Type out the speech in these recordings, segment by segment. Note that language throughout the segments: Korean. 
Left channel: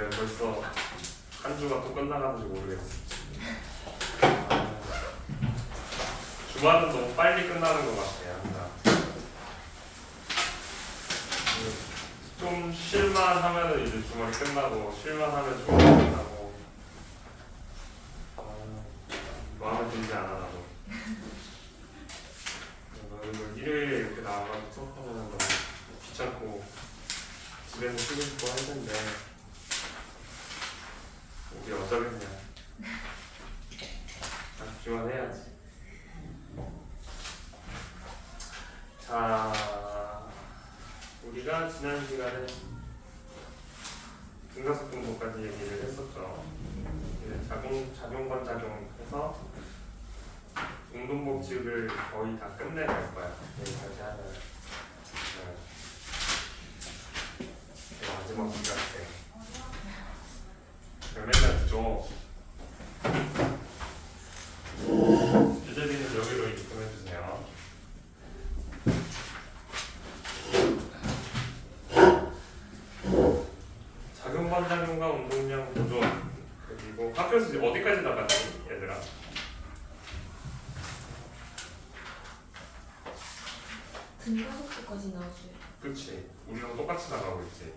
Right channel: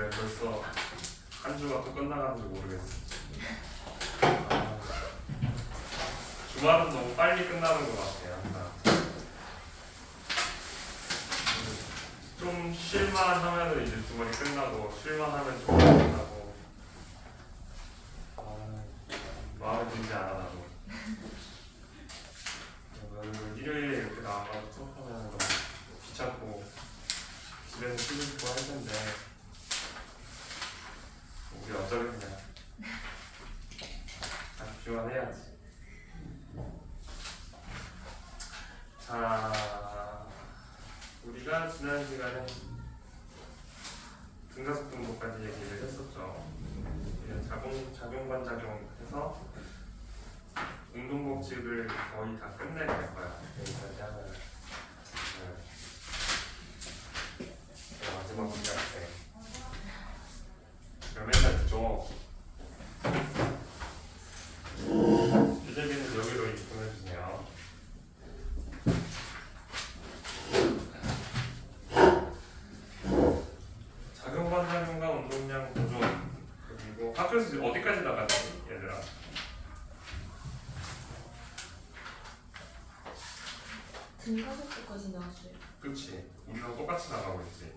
왜 벌써 한 주가 또 끝나가는지 모르겠어. 주말은 너무 빨리 끝나는 것 같아요. 항상. 좀 쉴만 하면은 이제 주말이 끝나고 쉴만 하면 주말이 끝나고 마음에 들지 않아 나도. 그리고 일요일에 이렇게 나와가지고 수업하면 너무 귀찮고 집에서 쉬고 싶고 할 텐데 우리 어쩌겠냐. 집중만 해야지. 자, 우리가 지난 시간에 등가속동도까지 얘기를 했었죠. 이제 작용반작용해서 운동법칙을 거의 다 끝내갈 거야. 여기까지 하면. 마지막 문제 같아요. 맨날 듣죠. 주제비는 여기로 입금해주세요. 작용반작용과 운동량 보존. 그리고 학교에서 이제 어디까지 나가니 얘들아? 등가속도까지 나왔어요. 그치. 우리랑 똑같이 나가고 있지.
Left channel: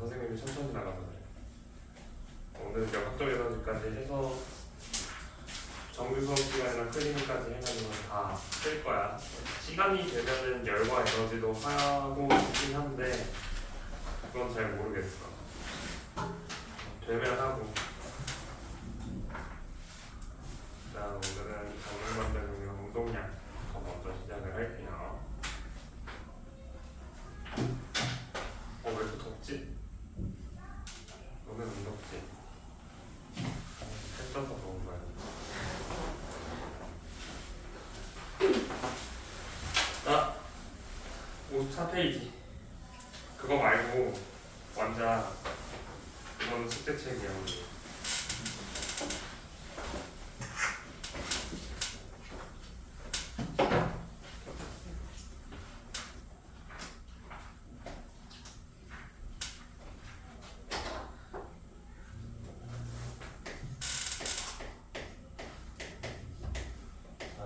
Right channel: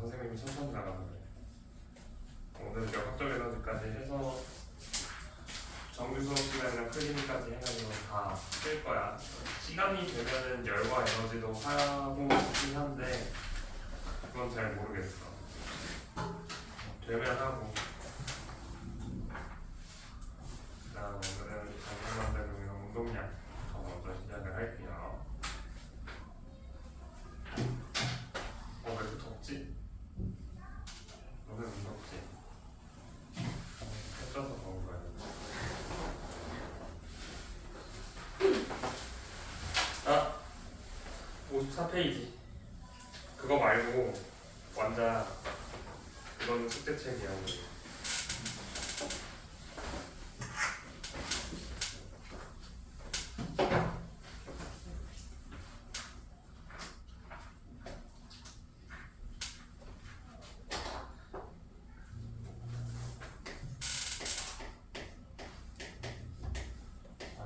선생님이 천천히 나가서 그래. 오늘 역학적 에너지까지 해서 정규 수업 시간이랑 클리닉까지 해가지고 다 쓸 거야. 시간이 되면은 열과 에너지도 하고 싶긴 한데 그건 잘 모르겠어. 되면 하고. 자, 오늘은 작용반작용이랑 운동량 더 먼저 시작을 할게요. 왜 이렇게 덥지? 너는 안 덥지? 햇져서 더운 거야. 아, 54페이지. 그거 말고 완자 그거는 숙제책이야. 우리.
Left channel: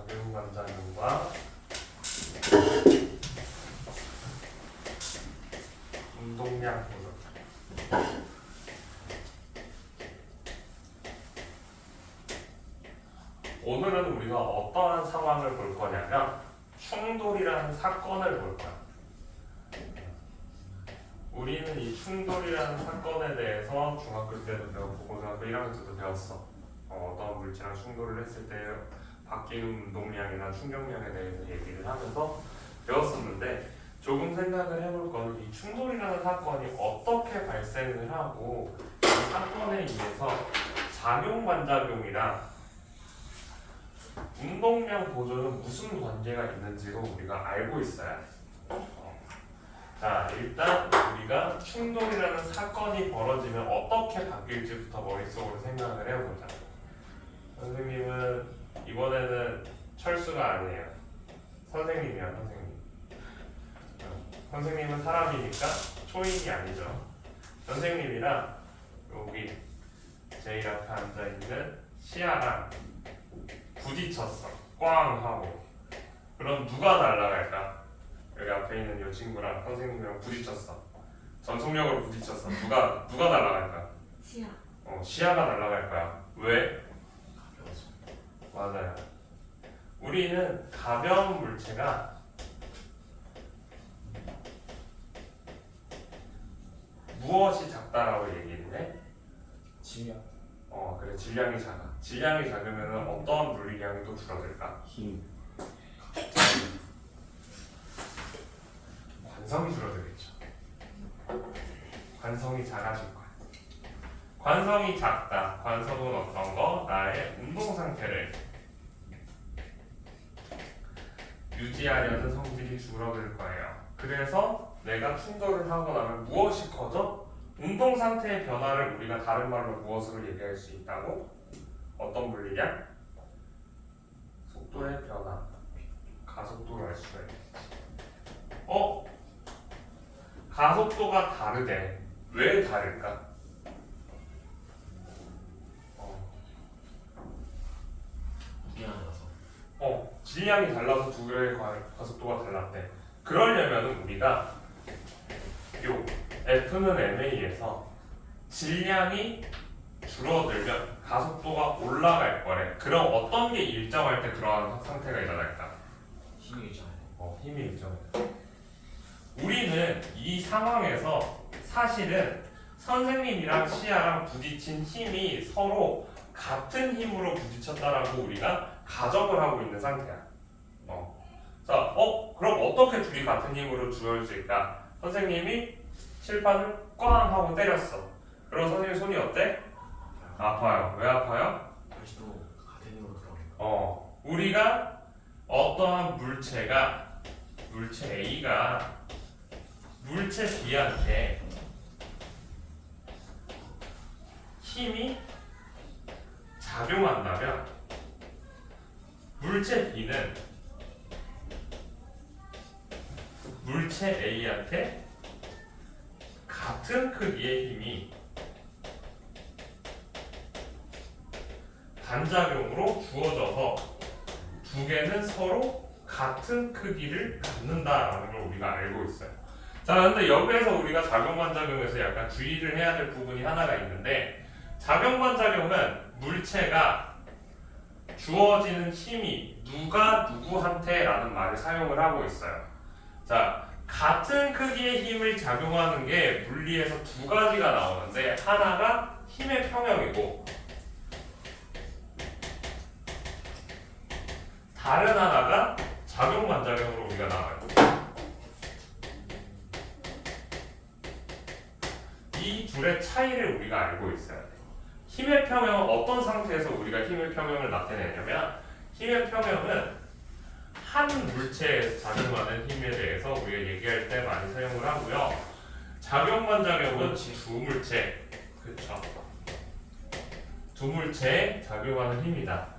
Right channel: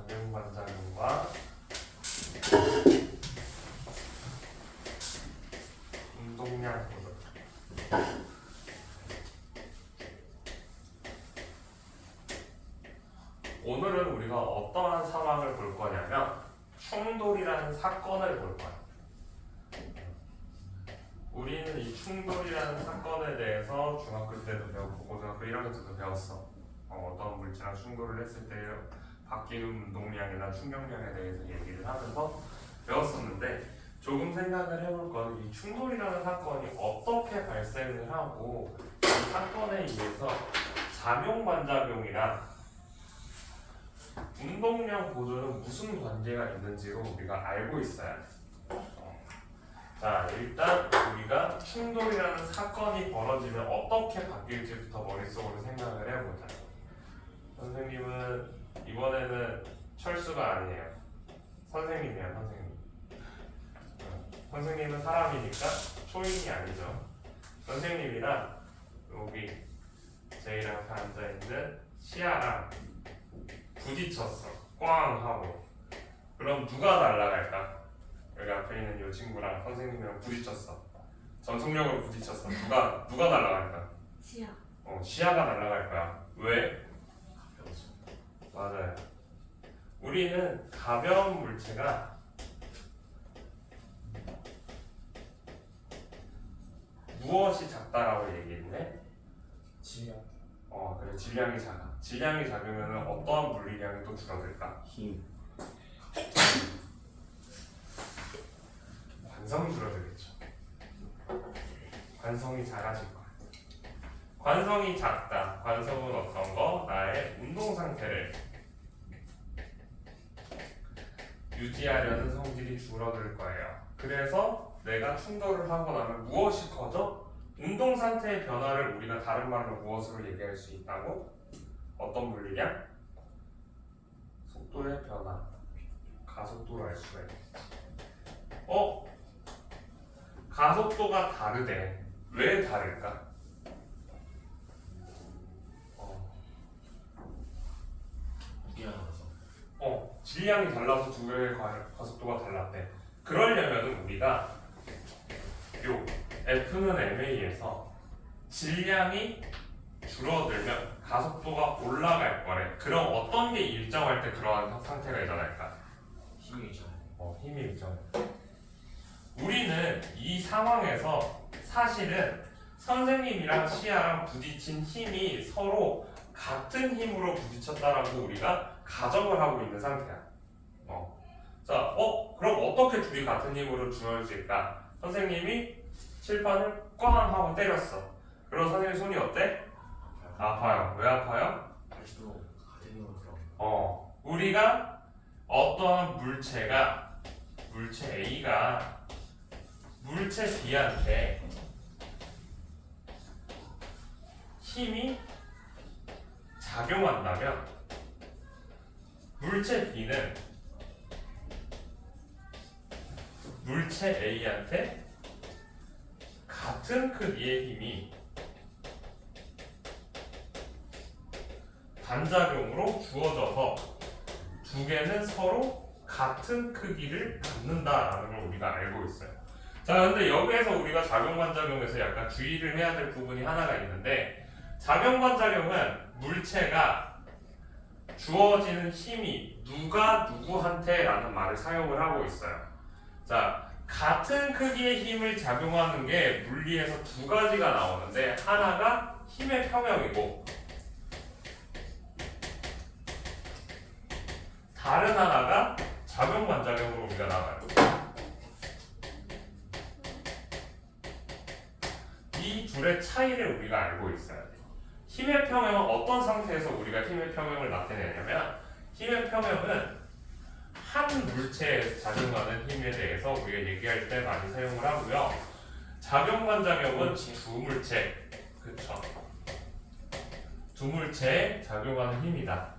작용반작용과 운동량 보존. 오늘은 우리가 어떠한 상황을 볼 거냐면 충돌이라는 사건을 볼 거야. 우리는 이 충돌이라는 사건에 대해서 중학교 때도 배웠고 고등학교 1학년 때도 배웠어. 어떤 물체랑 충돌을 했을 때 바뀌는 운동량이나 충격량에 대해서 얘기를 하면서 배웠었는데 조금 생각을 해볼 건 이 충돌이라는 사건이 어떻게 발생을 하고 이 사건에 의해서 작용반작용이랑 운동량 보존은 무슨 관계가 있는지로 우리가 알고 있어야 돼. 자, 일단 우리가 충돌이라는 사건이 벌어지면 어떻게 바뀔지부터 머릿속으로 생각을 해보자. 선생님은 이번에는 철수가 아니에요. 선생님이야, 선생님. 선생님은 사람이니까 초인이 아니죠. 선생님이랑 여기 제일 앞에 앉아있는 시아랑 부딪혔어. 꽝 하고. 그럼 누가 날아갈까? 여기 앞에 있는 이 친구랑 선생님이랑 부딪혔어. 전속력으로 부딪혔어. 누가 날아갈까? 시야. 시야가 날아갈 거야. 왜? 맞아요. 우리는 가벼운 물체가 무엇이 작다라고 얘기했네? 질량. 그래. 질량이 작아. 질량이 작으면 어떠한 물리량이 또 줄어들까? 힘. 관성이 줄어들겠죠. 관성이 작아질 거야. 관성이 작다. 관성은 어떤 거? 나의 운동 상태를 유지하려는 성질이 줄어들 거예요. 그래서 내가 충돌을 하고 나면 무엇이 커져? 운동 상태의 변화를 우리가 다른 말로 무엇으로 얘기할 수 있다고? 어떤 물리량? 속도의 변화. 가속도를 알 수가 있겠지. 가속도가 다르대. 왜 다를까? 질량이 달라서 두 개의 가속도가 달랐대. 그러려면 우리가 요 F는 MA에서 질량이 줄어들면 가속도가 올라갈 거래. 그럼 어떤 게 일정할 때 그러한 상태가 일어날까? 힘이 있잖아요. 힘이 일정해. 우리는 이 상황에서 사실은 선생님이랑 시아랑 부딪힌 힘이 서로 같은 힘으로 부딪혔다라고 우리가 가정을 하고 있는 상태야. 자, 그럼 어떻게 둘이 같은 힘으로 주어질까? 선생님이 칠판을 꽝 하고 때렸어. 그럼 선생님 손이 어때? 아파요. 왜 아파요? 다시 또 같은 힘으로 들어가요. 우리가 어떠한 물체 A가 물체 B한테 힘이 작용한다면 물체 B는 물체 A한테 같은 크기의 힘이 반작용으로 주어져서 두 개는 서로 같은 크기를 갖는다라는 걸 우리가 알고 있어요. 자, 근데 여기에서 우리가 작용반작용에서 약간 주의를 해야 될 부분이 하나가 있는데, 작용반작용은 물체가 주어지는 힘이 누가 누구한테 라는 말을 사용을 하고 있어요. 자, 같은 크기의 힘을 작용하는 게 물리에서 두 가지가 나오는데, 하나가 힘의 평형이고 다른 하나가 작용반작용으로 우리가 나와요. 이 둘의 차이를 우리가 알고 있어야 돼. 힘의 평형은 어떤 상태에서 우리가 힘의 평형을 나타내냐면, 힘의 평형은 한 물체에 작용하는 힘에 대해서 우리가 얘기할 때 많이 사용을 하고요. 작용반작용은 두 물체, 그쵸? 두 물체에 작용하는 힘이다.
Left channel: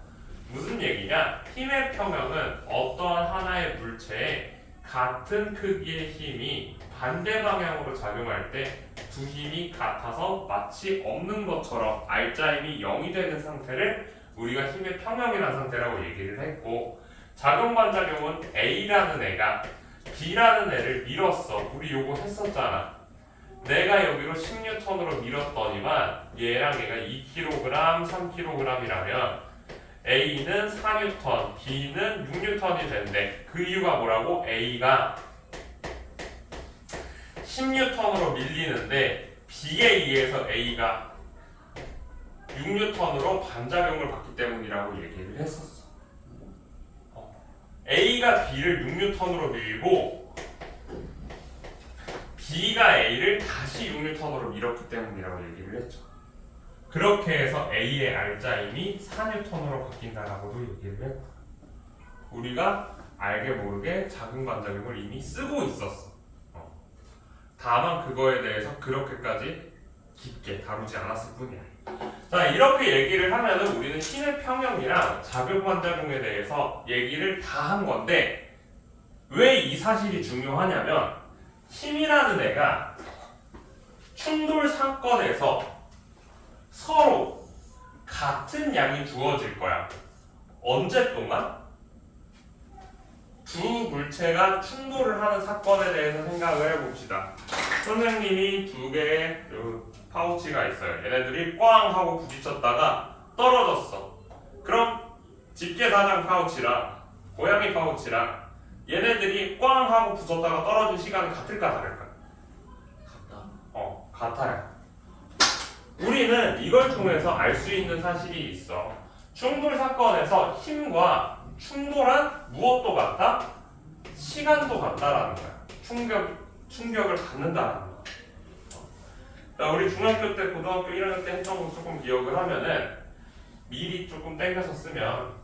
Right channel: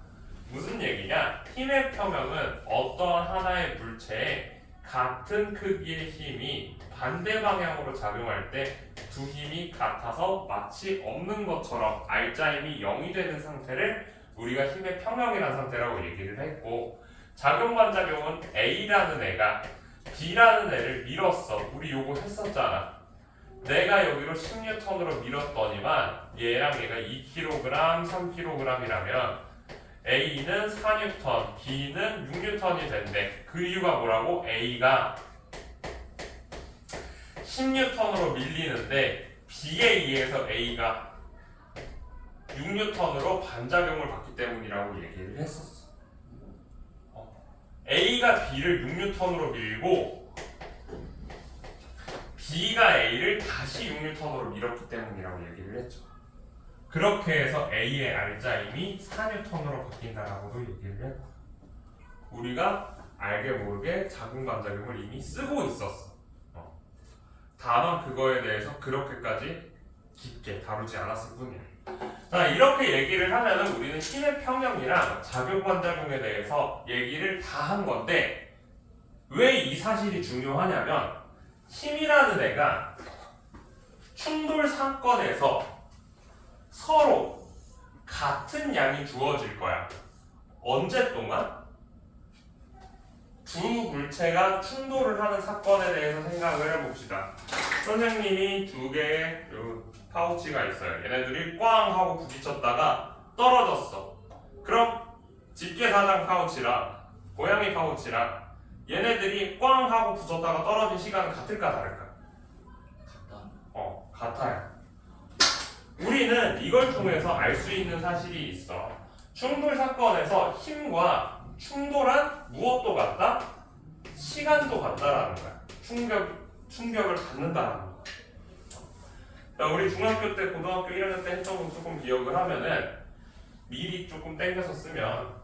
무슨 얘기냐? 힘의 평형은 어떠한 하나의 물체에 같은 크기의 힘이 반대 방향으로 작용할 때 두 힘이 같아서 마치 없는 것처럼 R자임이 0이 되는 상태를 우리가 힘의 평형이라는 상태라고 얘기를 했고, 작용반작용은 A라는 애가 B라는 애를 밀었어. 우리 요거 했었잖아. 내가 여기로 10N으로 밀었더니만 얘랑 얘가 2kg, 3kg이라면 A는 4N, B는 6N이 된대. 그 이유가 뭐라고? A가 10N으로 밀리는데 B에 의해서 A가 6N으로 반작용을 받기 때문이라고 얘기를 했었어. A가 B를 6N으로 밀고 B가 A를 다시 6N으로 밀었기 때문이라고 얘기를 했죠. 그렇게 해서 A의 R자임이 4N으로 바뀐다라고도 얘기를 했고, 우리가 알게 모르게 작용반작용을 이미 쓰고 있었어. 다만 그거에 대해서 그렇게까지 깊게 다루지 않았을 뿐이야. 자, 이렇게 얘기를 하면은 우리는 힘의 평형이랑 작용반작용에 대해서 얘기를 다 한 건데, 왜 이 사실이 중요하냐면, 힘이라는 애가 충돌 사건에서 서로 같은 양이 주어질 거야. 언제 동안? 두 물체가 충돌을 하는 사건에 대해서 생각을 해봅시다. 선생님이 두 개의 파우치가 있어요. 얘네들이 꽝 하고 부딪혔다가 떨어졌어. 그럼 집게사장 파우치랑 고양이 파우치랑 얘네들이 꽝 하고 부딪혔다가 떨어진 시간은 같을까 다를까? 같아요. 우리는 이걸 통해서 알 수 있는 사실이 있어. 충돌 사건에서 힘과 충돌한 무엇도 같다? 시간도 같다라는 거야. 충격을 받는다라는 거야. 자, 우리 중학교 때, 고등학교 1학년 때 했던 거 조금 기억을 하면은 미리 조금 땡겨서 쓰면,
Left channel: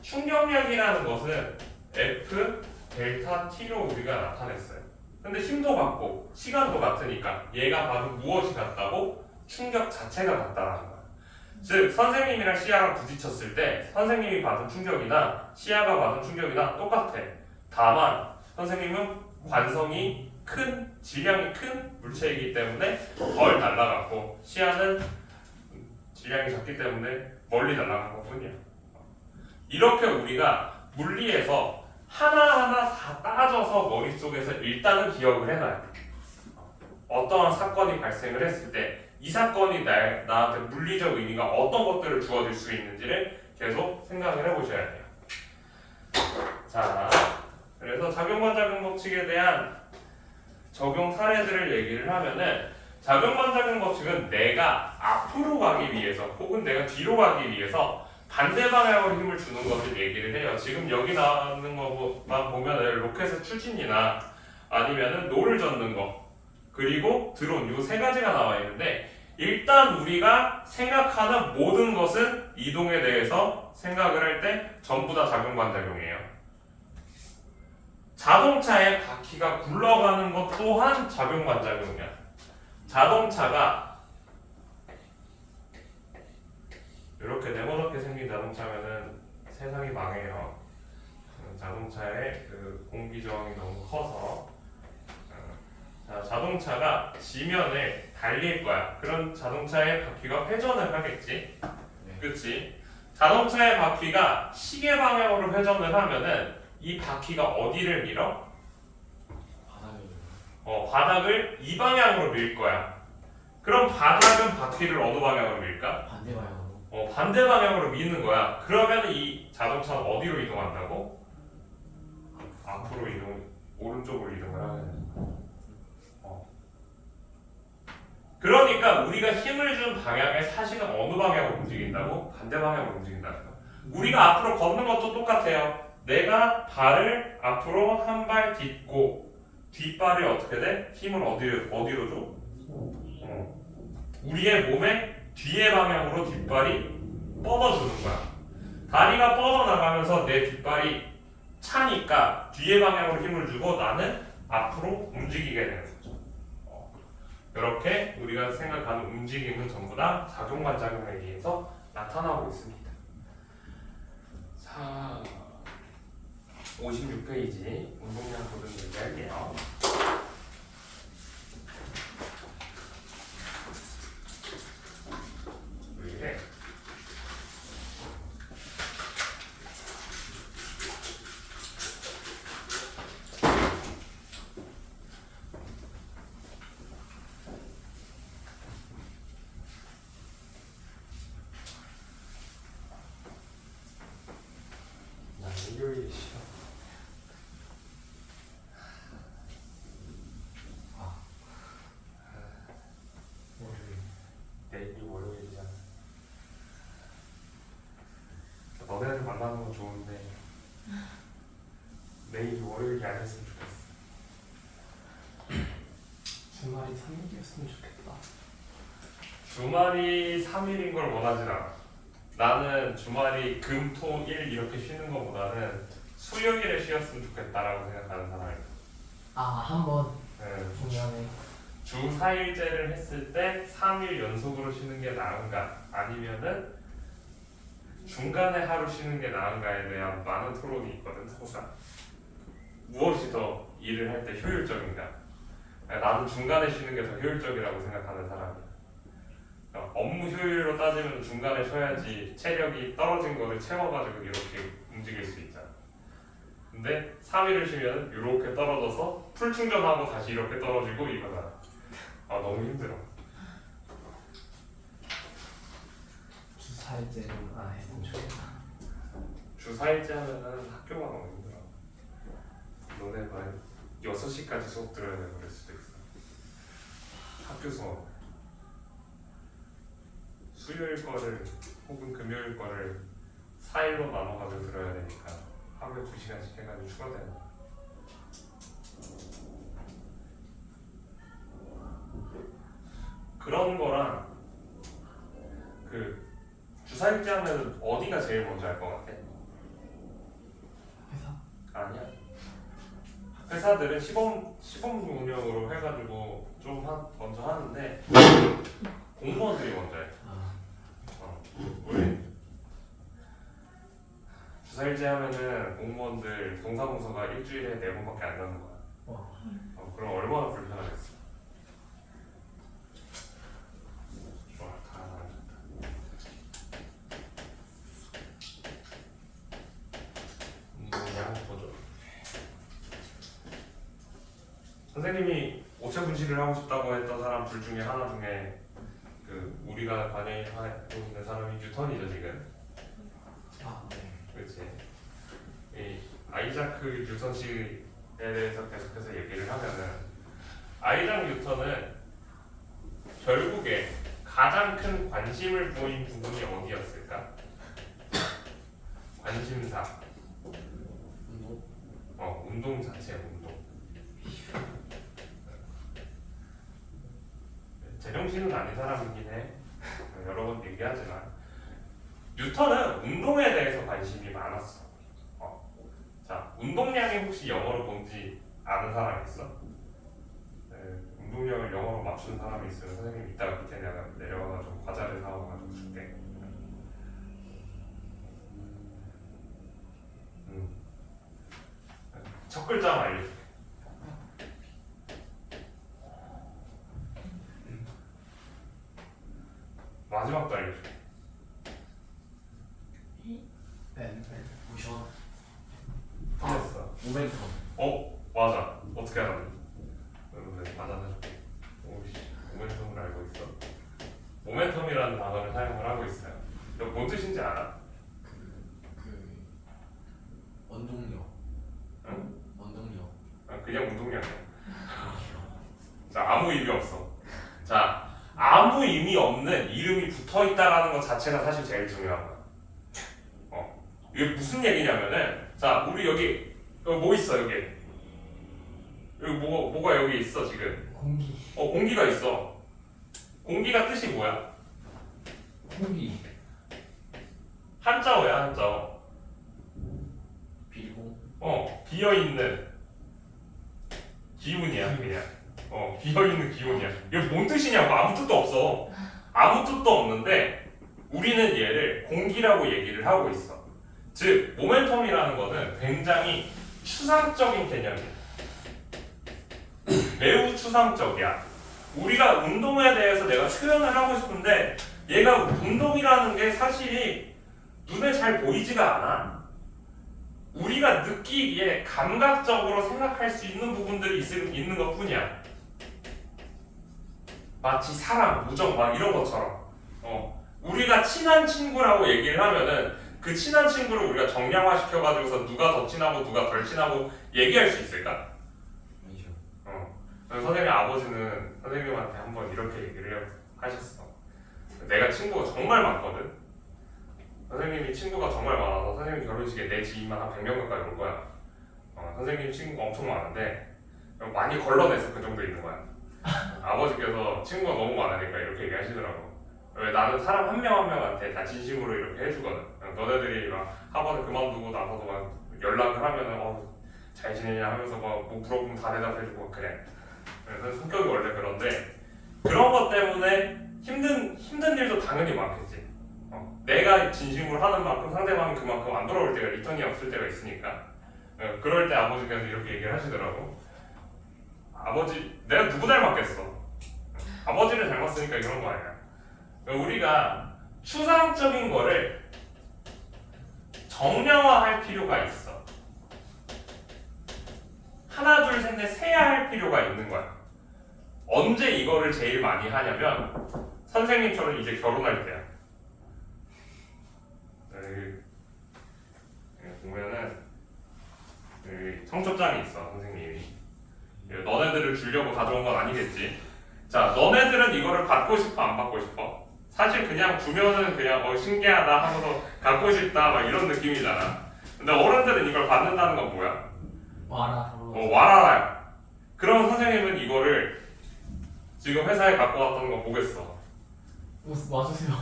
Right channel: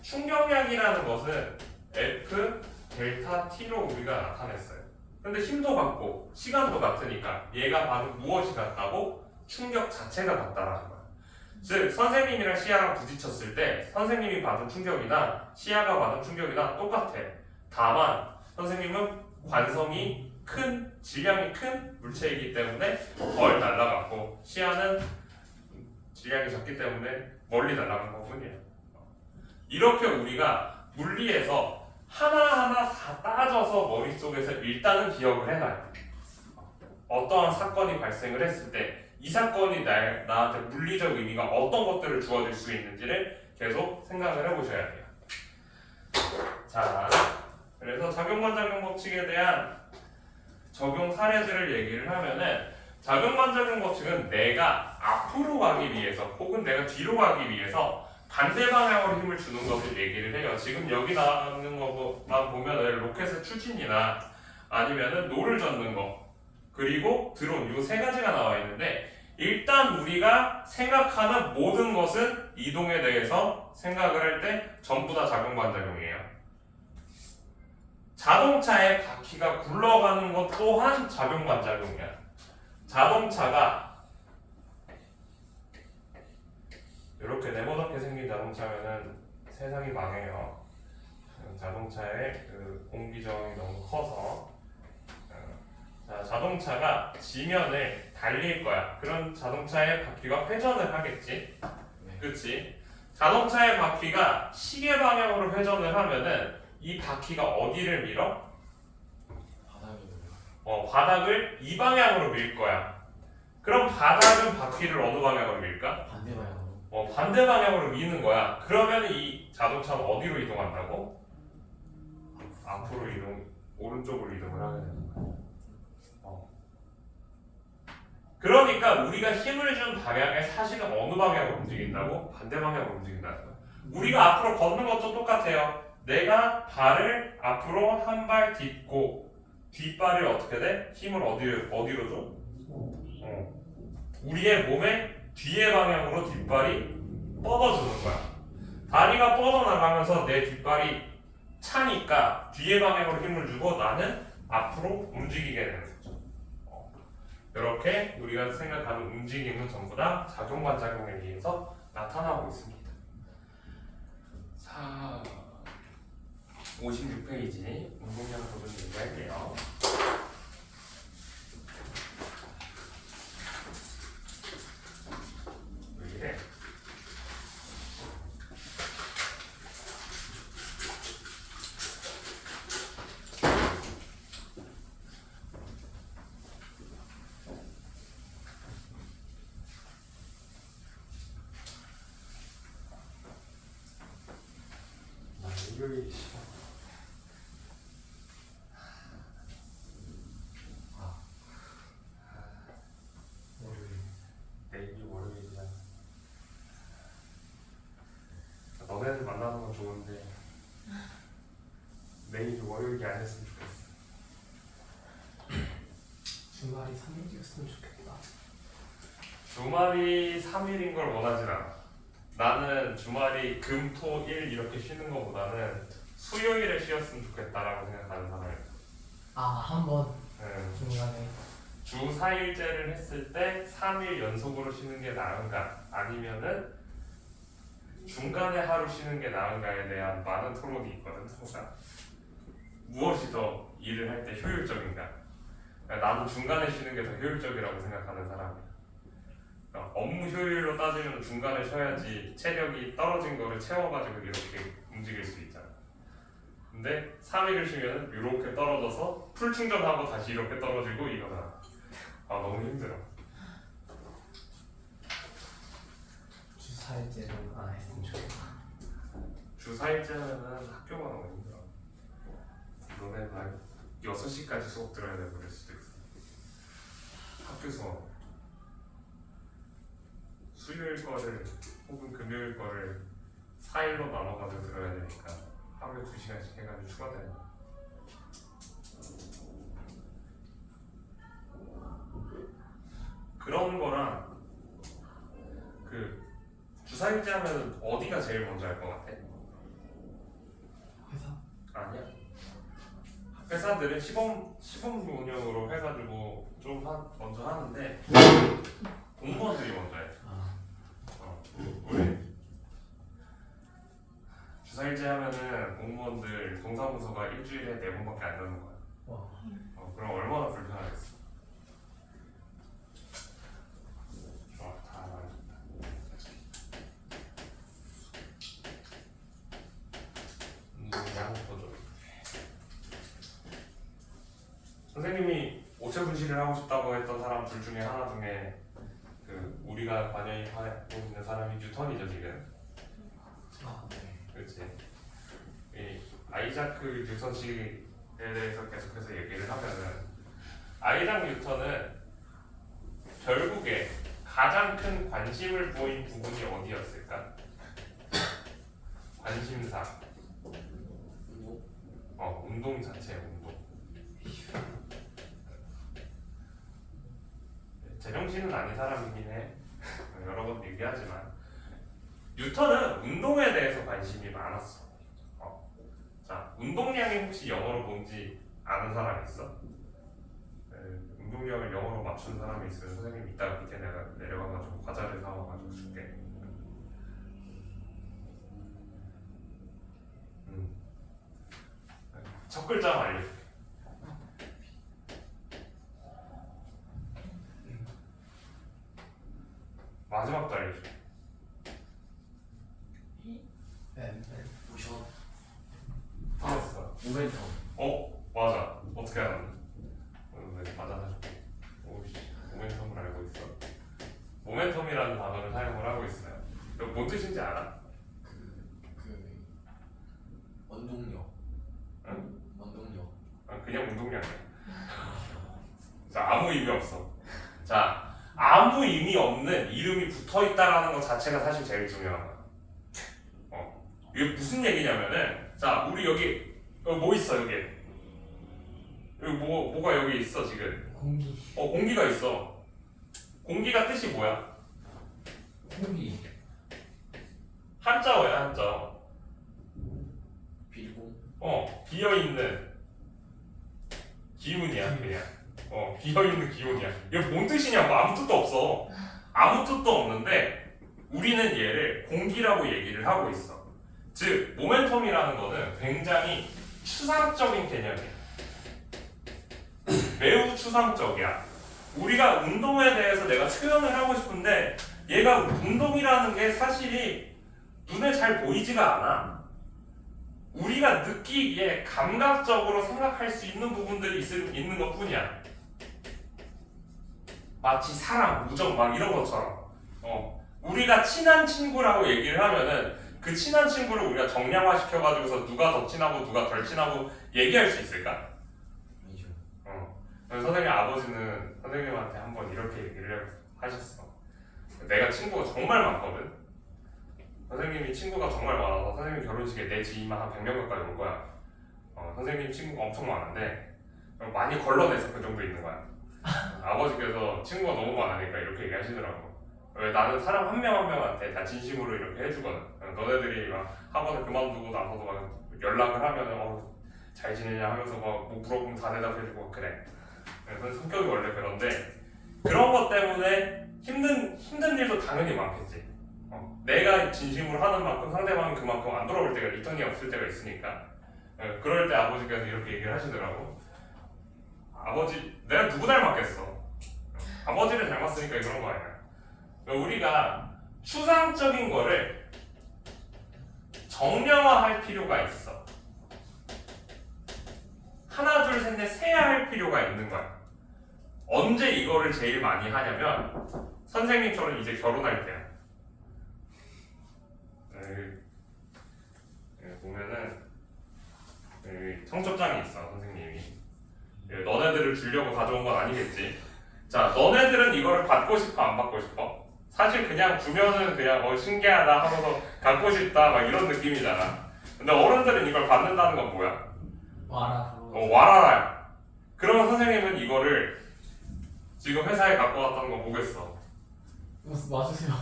충격량이라는 것은 F 델타 T로 우리가 나타냈어요. 근데 힘도 같고 시간도 같으니까 얘가 받은 무엇이 같다고? 충격 자체가 같다라는 거야. 즉 선생님이랑 시야가 부딪혔을 때 선생님이 받은 충격이나 시야가 받은 충격이나 똑같아. 다만 선생님은 관성이 큰, 질량이 큰 물체이기 때문에 덜 날아갔고, 시야는 질량이 작기 때문에 멀리 날아간 것 뿐이야. 이렇게 우리가 물리에서 하나하나 다 따져서 머릿속에서 일단은 기억을 해놔야 돼. 어떠한 사건이 발생을 했을 때 이 사건이 나한테 물리적 의미가 어떤 것들을 주어질 수 있는지를 계속 생각을 해보셔야 돼요. 자, 그래서 작용반작용 법칙에 대한 적용 사례들을 얘기를 하면은 작용반작용 법칙은 내가 앞으로 가기 위해서 혹은 내가 뒤로 가기 위해서 반대 방향으로 힘을 주는 것을 얘기를 해요. 지금 여기 나오는 것만 보면은 로켓의 추진이나 아니면은 노를 젓는 거 그리고 드론 이 세 가지가 나와 있는데 일단 우리가 생각하는 모든 것은 이동에 대해서 생각을 할 때 전부 다 작용반작용이에요. 자동차의 바퀴가 굴러가는 것 또한 작용반작용이야. 자동차가 이렇게 네모나게 생긴 자동차면은 세상이 망해요. 자동차의 그 공기 저항이 너무 커서 자, 자동차가 지면에 달릴 거야. 그런 자동차의 바퀴가 회전을 하겠지. 네. 그렇지? 자동차의 바퀴가 시계 방향으로 회전을 하면은 이 바퀴가 어디를 밀어? 바닥에 바닥을 이 방향으로 밀 거야. 그럼 바닥은 바퀴를 어느 방향으로 밀까? 반대 방향으로. 반대 방향으로 미는 거야. 그러면 이 자동차는 어디로 이동한다고? 앞으로 오른쪽으로 이동을 하게 되는 거야. 그러니까 우리가 힘을 준 방향에 사실은 어느 방향으로 움직인다고? 반대 방향으로 움직인다는 거야. 우리가 앞으로 걷는 것도 똑같아요. 내가 발을 앞으로 한 발 딛고 뒷발이 어떻게 돼? 힘을 어디로 줘? 우리의 몸의 뒤의 방향으로 뒷발이 뻗어주는 거야. 다리가 뻗어나가면서 내 뒷발이 차니까 뒤의 방향으로 힘을 주고 나는 앞으로 움직이게 되는 거죠. 이렇게 우리가 생각하는 움직임은 전부 다 작용반작용에 의해서 나타나고 있습니다. 자, 56페이지 운동량 코드 얘기할게요. 왜 이래? 나 일요일 싫어. 내일이 월요일이잖아. 너네들 만나는 건 좋은데 내일이 월요일이 아니었으면 좋겠어. 주말이 3일이었으면 좋겠다. 주말이 3일인 걸 원하진 않아. 나는 주말이 금, 토, 일 이렇게 쉬는 것보다는 수요일에 쉬었으면 좋겠다라고 생각하는 사람이야. 한번 중간에 주 4일제를 했을 때 3일 연속으로 쉬는 게 나은가 아니면은 중간에 하루 쉬는 게 나은가에 대한 많은 토론이 있거든. 서로가 무엇이 더 일을 할 때 효율적인가. 나는 중간에 쉬는 게 더 효율적이라고 생각하는 사람이야. 업무 효율로 따지면 중간에 쉬어야지 체력이 떨어진 거를 채워가지고 이렇게 움직일 수 있잖아. 근데 3일을 쉬면 이렇게 떨어져서 풀 충전하고 다시 이렇게 떨어지고 이거잖아. 너무 힘들어. 주 4일째는 안 했으면 좋겠다. 주 4일째 하면은 학교가 너무 힘들어. 너네 막 6시까지 수업 들어야 되고 그럴 수도 있어. 학교 수업. 수요일 거를 혹은 금요일 거를 4일로 나눠가지고 들어야 되니까 하루에 2시간씩 해가지고 추가되는 거야. 그런 거랑 그 주사일제 하면 어디가 제일 먼저 할 것 같아? 회사? 아니야. 회사들은 시범 운영으로 해가지고 좀 먼저 하는데 공무원들이 먼저 해. 우리 주사일제 하면은 공무원들 동사무소가 일주일에 4번밖에 안 가는 거야. 그럼 얼마나 불편하겠어. 좋아, 다 알아듣다. 선생님이 오체 분실을 하고 싶다고 했던 사람 둘 중에 하나 중에 그 우리가 관여하고 있는 사람이 뉴턴이죠 지금. 아, 네. 그렇지. 이 아이자크 뉴턴 씨에 대해서 계속해서 얘기를 하면은 아이작 뉴턴은 결국에 가장 큰 관심을 보인 부분이 어디였을까? 관심사. 운동? 운동 자체 운동. 제정신은 아닌 사람이긴 해. 여러 번 얘기하지만 뉴턴은 운동에 대해서 관심이 많았어. 자, 운동량이 혹시 영어로 뭔지 아는 사람 있어? 운동량을 영어로 맞추는 사람이 있으면 선생님 이따가 밑에 내가 내려가서 과자를 사와가지고 줄게. 첫 글자만 알려줄게. 마지막도 알려줄게. 네. 모션? 틀렸어. 모멘텀. 맞아. 어떻게 알았니? 맞아 사줄게. 오씨, 모멘텀을 알고 있어. 모멘텀이라는 단어를 사용을 하고 있어요. 너 뭔 뜻인지 알아? 원동력. 응? 원동력. 그냥 운동량이야. 자, 아무 의미 없어. 자, 아무 의미 없는 이름이 붙어 있다라는 것 자체가 사실 제일 중요한 거야. 이게 무슨 얘기냐면은, 자, 우리 여기 뭐 있어 여기? 여기 뭐가 여기 있어 지금? 공기. 공기가 있어. 공기가 뜻이 뭐야? 공기. 한자어야 한자어. 비공. 비어 있는 기운이야 그냥. 비어 있는 기운이야. 이게 뭔 뜻이냐고 아무 뜻도 없어. 아무 뜻도 없는데 우리는 얘를 공기라고 얘기를 하고 있어. 즉 모멘텀이라는 거는 굉장히 추상적인 개념이야. 매우 추상적이야. 우리가 운동에 대해서 내가 표현을 하고 싶은데 얘가 운동이라는 게 사실이 눈에 잘 보이지가 않아. 우리가 느끼기에 감각적으로 생각할 수 있는 부분들이 있는 것 뿐이야. 마치 사랑, 우정 막 이런 것처럼. 우리가 친한 친구라고 얘기를 하면은 그 친한 친구를 우리가 정량화 시켜가지고서 누가 더 친하고 누가 덜 친하고 얘기할 수 있을까? 아니죠. 선생님 아버지는 선생님한테 한번 이렇게 얘기를 하셨어. 내가 친구가 정말 많거든. 선생님이 친구가 정말 많아서 선생님 결혼식에 내 지인만 한 100명 가까이 올 거야. 선생님 친구가 엄청 많은데 많이 걸러내서 그 정도 있는 거야. 아버지께서 친구가 너무 많으니까 이렇게 얘기하시더라고. 왜 나는 사람 한 명 한 명한테 다 진심으로 이렇게 해주거든. 너네들이 막 학원을 그만두고 나서도 막 연락을 하면은 잘 지내냐 하면서 뭐 물어보면 다 대답해주고 그래. 그래서 성격이 원래 그런데 그런 것 때문에 힘든 일도 당연히 많겠지. 내가 진심으로 하는 만큼 상대방이 그만큼 안 돌아올 때가 리턴이 없을 때가 있으니까. 그럴 때 아버지께서 이렇게 얘기를 하시더라고. 아버지, 내가 누구 닮았겠어? 아버지를 닮았으니까 이런 거 아니야. 우리가 추상적인 거를 정량화할 필요가 있어. 하나, 둘, 셋, 넷 세야 할 필요가 있는 거야. 언제 이거를 제일 많이 하냐면 선생님처럼 이제 결혼할 때야. 보면은 청첩장이 있어 선생님이. 너네들을 주려고 가져온 건 아니겠지. 자, 너네들은 이거를 받고 싶어 안 받고 싶어? 사실 그냥 주면은 그냥 신기하다 하면서 갖고 싶다 막 이런 느낌이잖아. 근데 어른들은 이걸 받는다는 건 뭐야? 와라. 와라라. 그러면 선생님은 이거를 지금 회사에 갖고 왔다는 거 보겠어. 와주세요.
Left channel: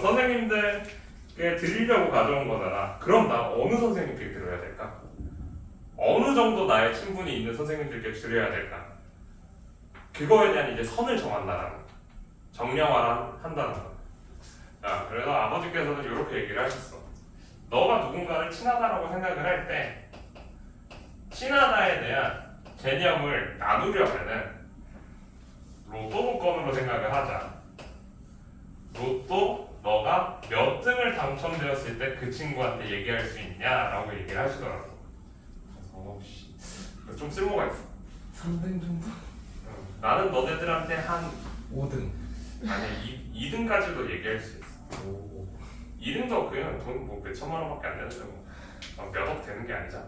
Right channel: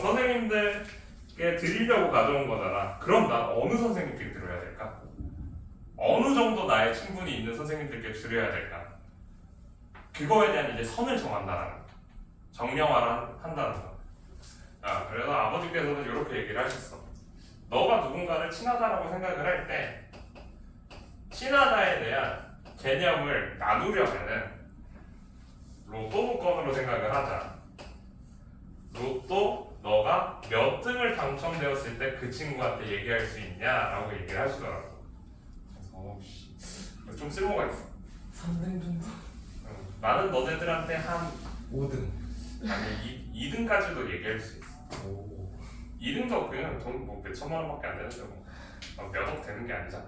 선생님들께 드리려고 가져온 거잖아. 그럼 나 어느 선생님께 드려야 될까? 어느 정도 나의 친분이 있는 선생님들께 드려야 될까? 그거에 대한 이제 선을 정한다는 거. 정량화를 한다는 거. 그래서 아버지께서는 이렇게 얘기를 하셨어. 너가 누군가를 친하다라고 생각을 할 때 친하다에 대한 개념을 나누려면은 로또 복권으로 생각을 하자. 로또 너가 몇 등을 당첨되었을 때 그 친구한테 얘기할 수 있냐라고 얘기를 하시더라고. 그래서 좀 쓸모가 있어. 3등 정도? 나는 너네들한테 한 5등. 아니 2등까지도 얘기할 수 있어. 오. 2등도 그냥 돈 뭐 몇천만 원밖에 안 되는데 뭐 몇억 되는 게 아니잖아.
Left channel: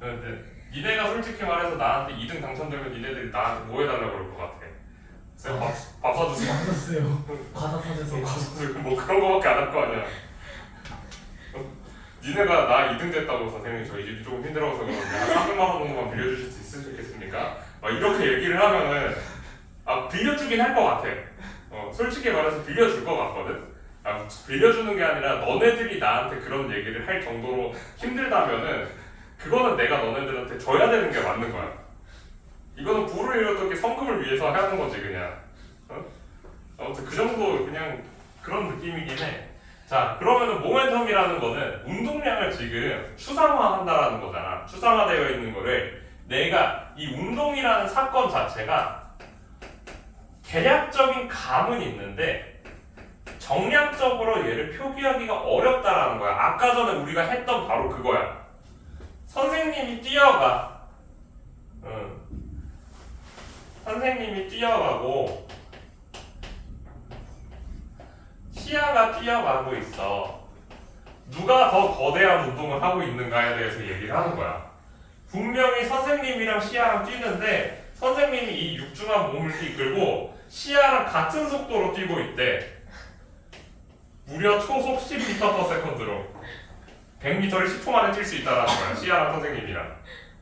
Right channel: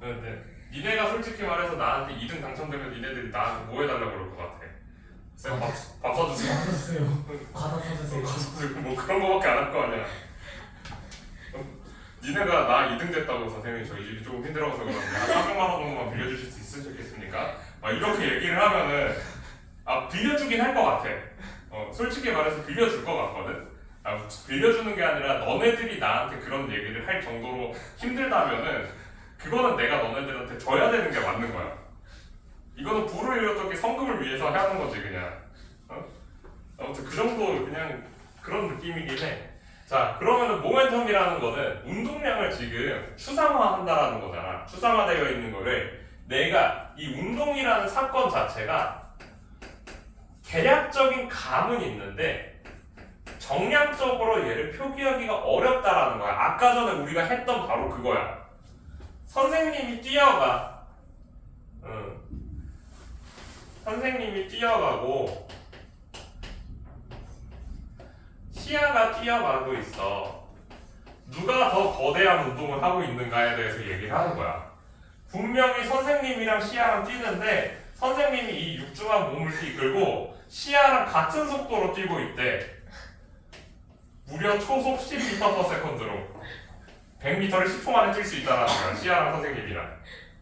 근데 니네가 솔직히 말해서 나한테 2등 당첨되면 니네들이 나한테 뭐 해달라고 그럴 것 같아. 쌤 밥 사주세요. 맞았어요. 과자 사주세요. 뭐 그런 거밖에 안 할 거 아니야. 니네가 나 2등 됐다고 선생님 저희 집이 조금 힘들어서 그런데 한 300만 원 정도만 빌려주실 수 있으시겠습니까? 막 이렇게 얘기를 하면은 빌려주긴 할 것 같아. 솔직히 말해서 빌려줄 것 같거든. 빌려주는 게 아니라 너네들이 나한테 그런 얘기를 할 정도로 힘들다면은 그거는 내가 너네들한테 줘야 되는 게 맞는 거야. 이거는 부를 어떻게 성금을 위해서 하는 거지 그냥. 아무튼 그 정도 그냥 그런 느낌이긴 해. 자 그러면은 모멘텀이라는 거는 운동량을 지금 추상화한다라는 거잖아. 추상화되어 있는 거를 내가 이 운동이라는 사건 자체가 대략적인 감은 있는데 정량적으로 얘를 표기하기가 어렵다라는 거야. 아까 전에 우리가 했던 바로 그거야. 선생님이 뛰어가. 선생님이 뛰어가고 시아가 뛰어가고 있어. 누가 더 거대한 운동을 하고 있는가에 대해서 얘기를 하는 거야. 분명히 선생님이랑 시아랑 뛰는데 선생님이 이 육중한 몸을 이끌고 시아랑 같은 속도로 뛰고 있대. 무려 초속 10m/s로 100m를 10초 만에 뛸 수 있다라는 거야. 시아랑 선생님이랑.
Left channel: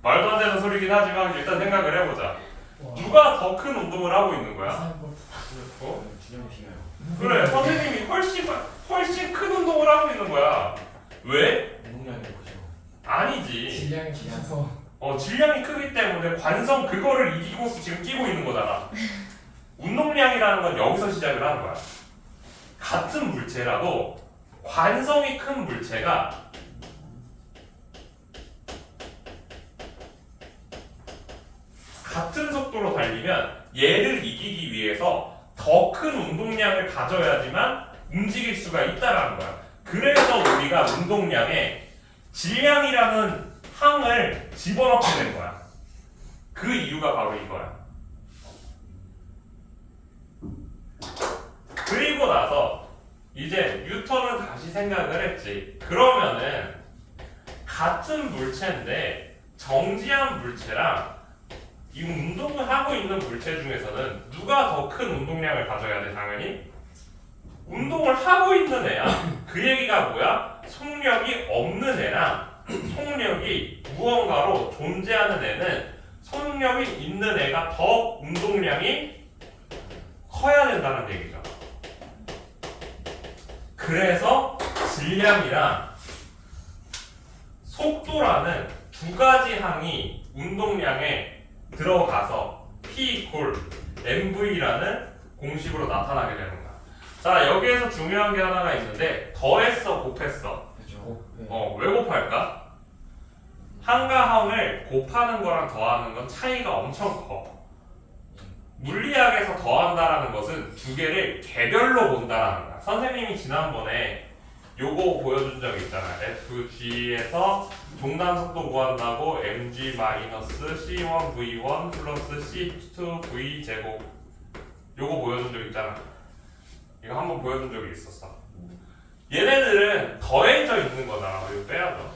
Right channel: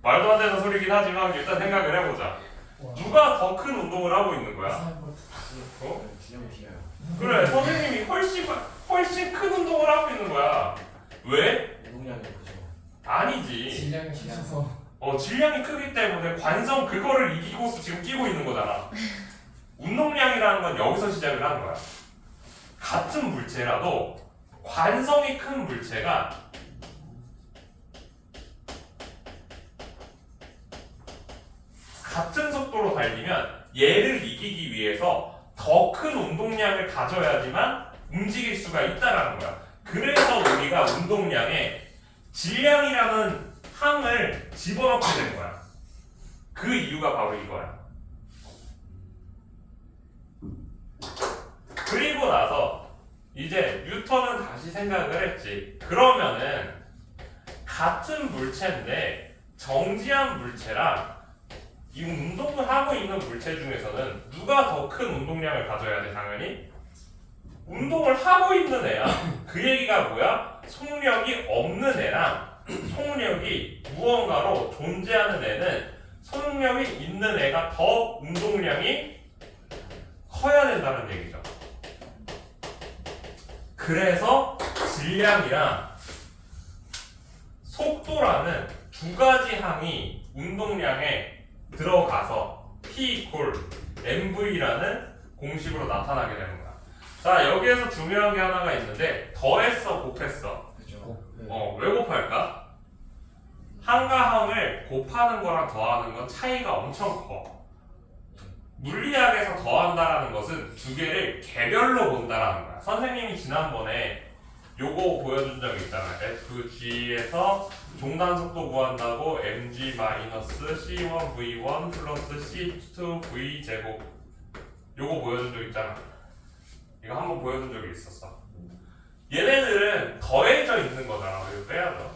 말도 안 되는 소리긴 하지만 일단 생각을 해보자. 누가 더 큰 운동을 하고 있는 거야? 준영이 시가요. 그래, 선생님이 훨씬 큰 운동을 하고 있는 거야. 왜? 운동량이 크죠. 아니지. 질량이 커서. 질량이 크기 때문에 관성 그거를 이기고서 지금 뛰고 있는 거잖아. 운동량이라는 건 여기서 시작을 하는 거야. 같은 물체라도 관성이 큰 물체가 같은 속도로 달리면 얘를 이기기 위해서 더 큰 운동량을 가져야지만 움직일 수가 있다라는 거야. 그래서 우리가 운동량에 질량이라는 항을 집어넣게 된 거야. 그 이유가 바로 이거야. 그리고 나서 이제 뉴턴은 다시 생각을 했지. 그러면은 같은 물체인데 정지한 물체랑 이 운동을 하고 있는 물체 중에서는 누가 더 큰 운동량을 가져야 돼? 당연히 운동을 하고 있는 애야. 그 얘기가 뭐야? 속력이 없는 애랑 속력이 무언가로 존재하는 애는 속력이 있는 애가 더 운동량이 커야 된다는 얘기죠. 그래서 질량이랑 속도라는 두 가지 항이 운동량에 들어가서 P = mv라는 공식으로 나타나게 되는 거야. 자, 여기에서 중요한 게 하나가 있는데 더했어, 곱했어? 그죠. 왜 곱할까? 항과 항을 곱하는 거랑 더하는 건 차이가 엄청 커. 물리학에서 더한다라는 것은 두 개를 개별로 본다라는 거야. 선생님이 지난번에 요거 보여준 적 있잖아. FG에서 종단 속도 구한다고 mg-c1v1 플러스 c2v 제곱 요거 보여준 적 있잖아. 이거 한번 보여준 적이 있었어. 얘네들은 더해져 있는 거잖아. 이거 빼야죠.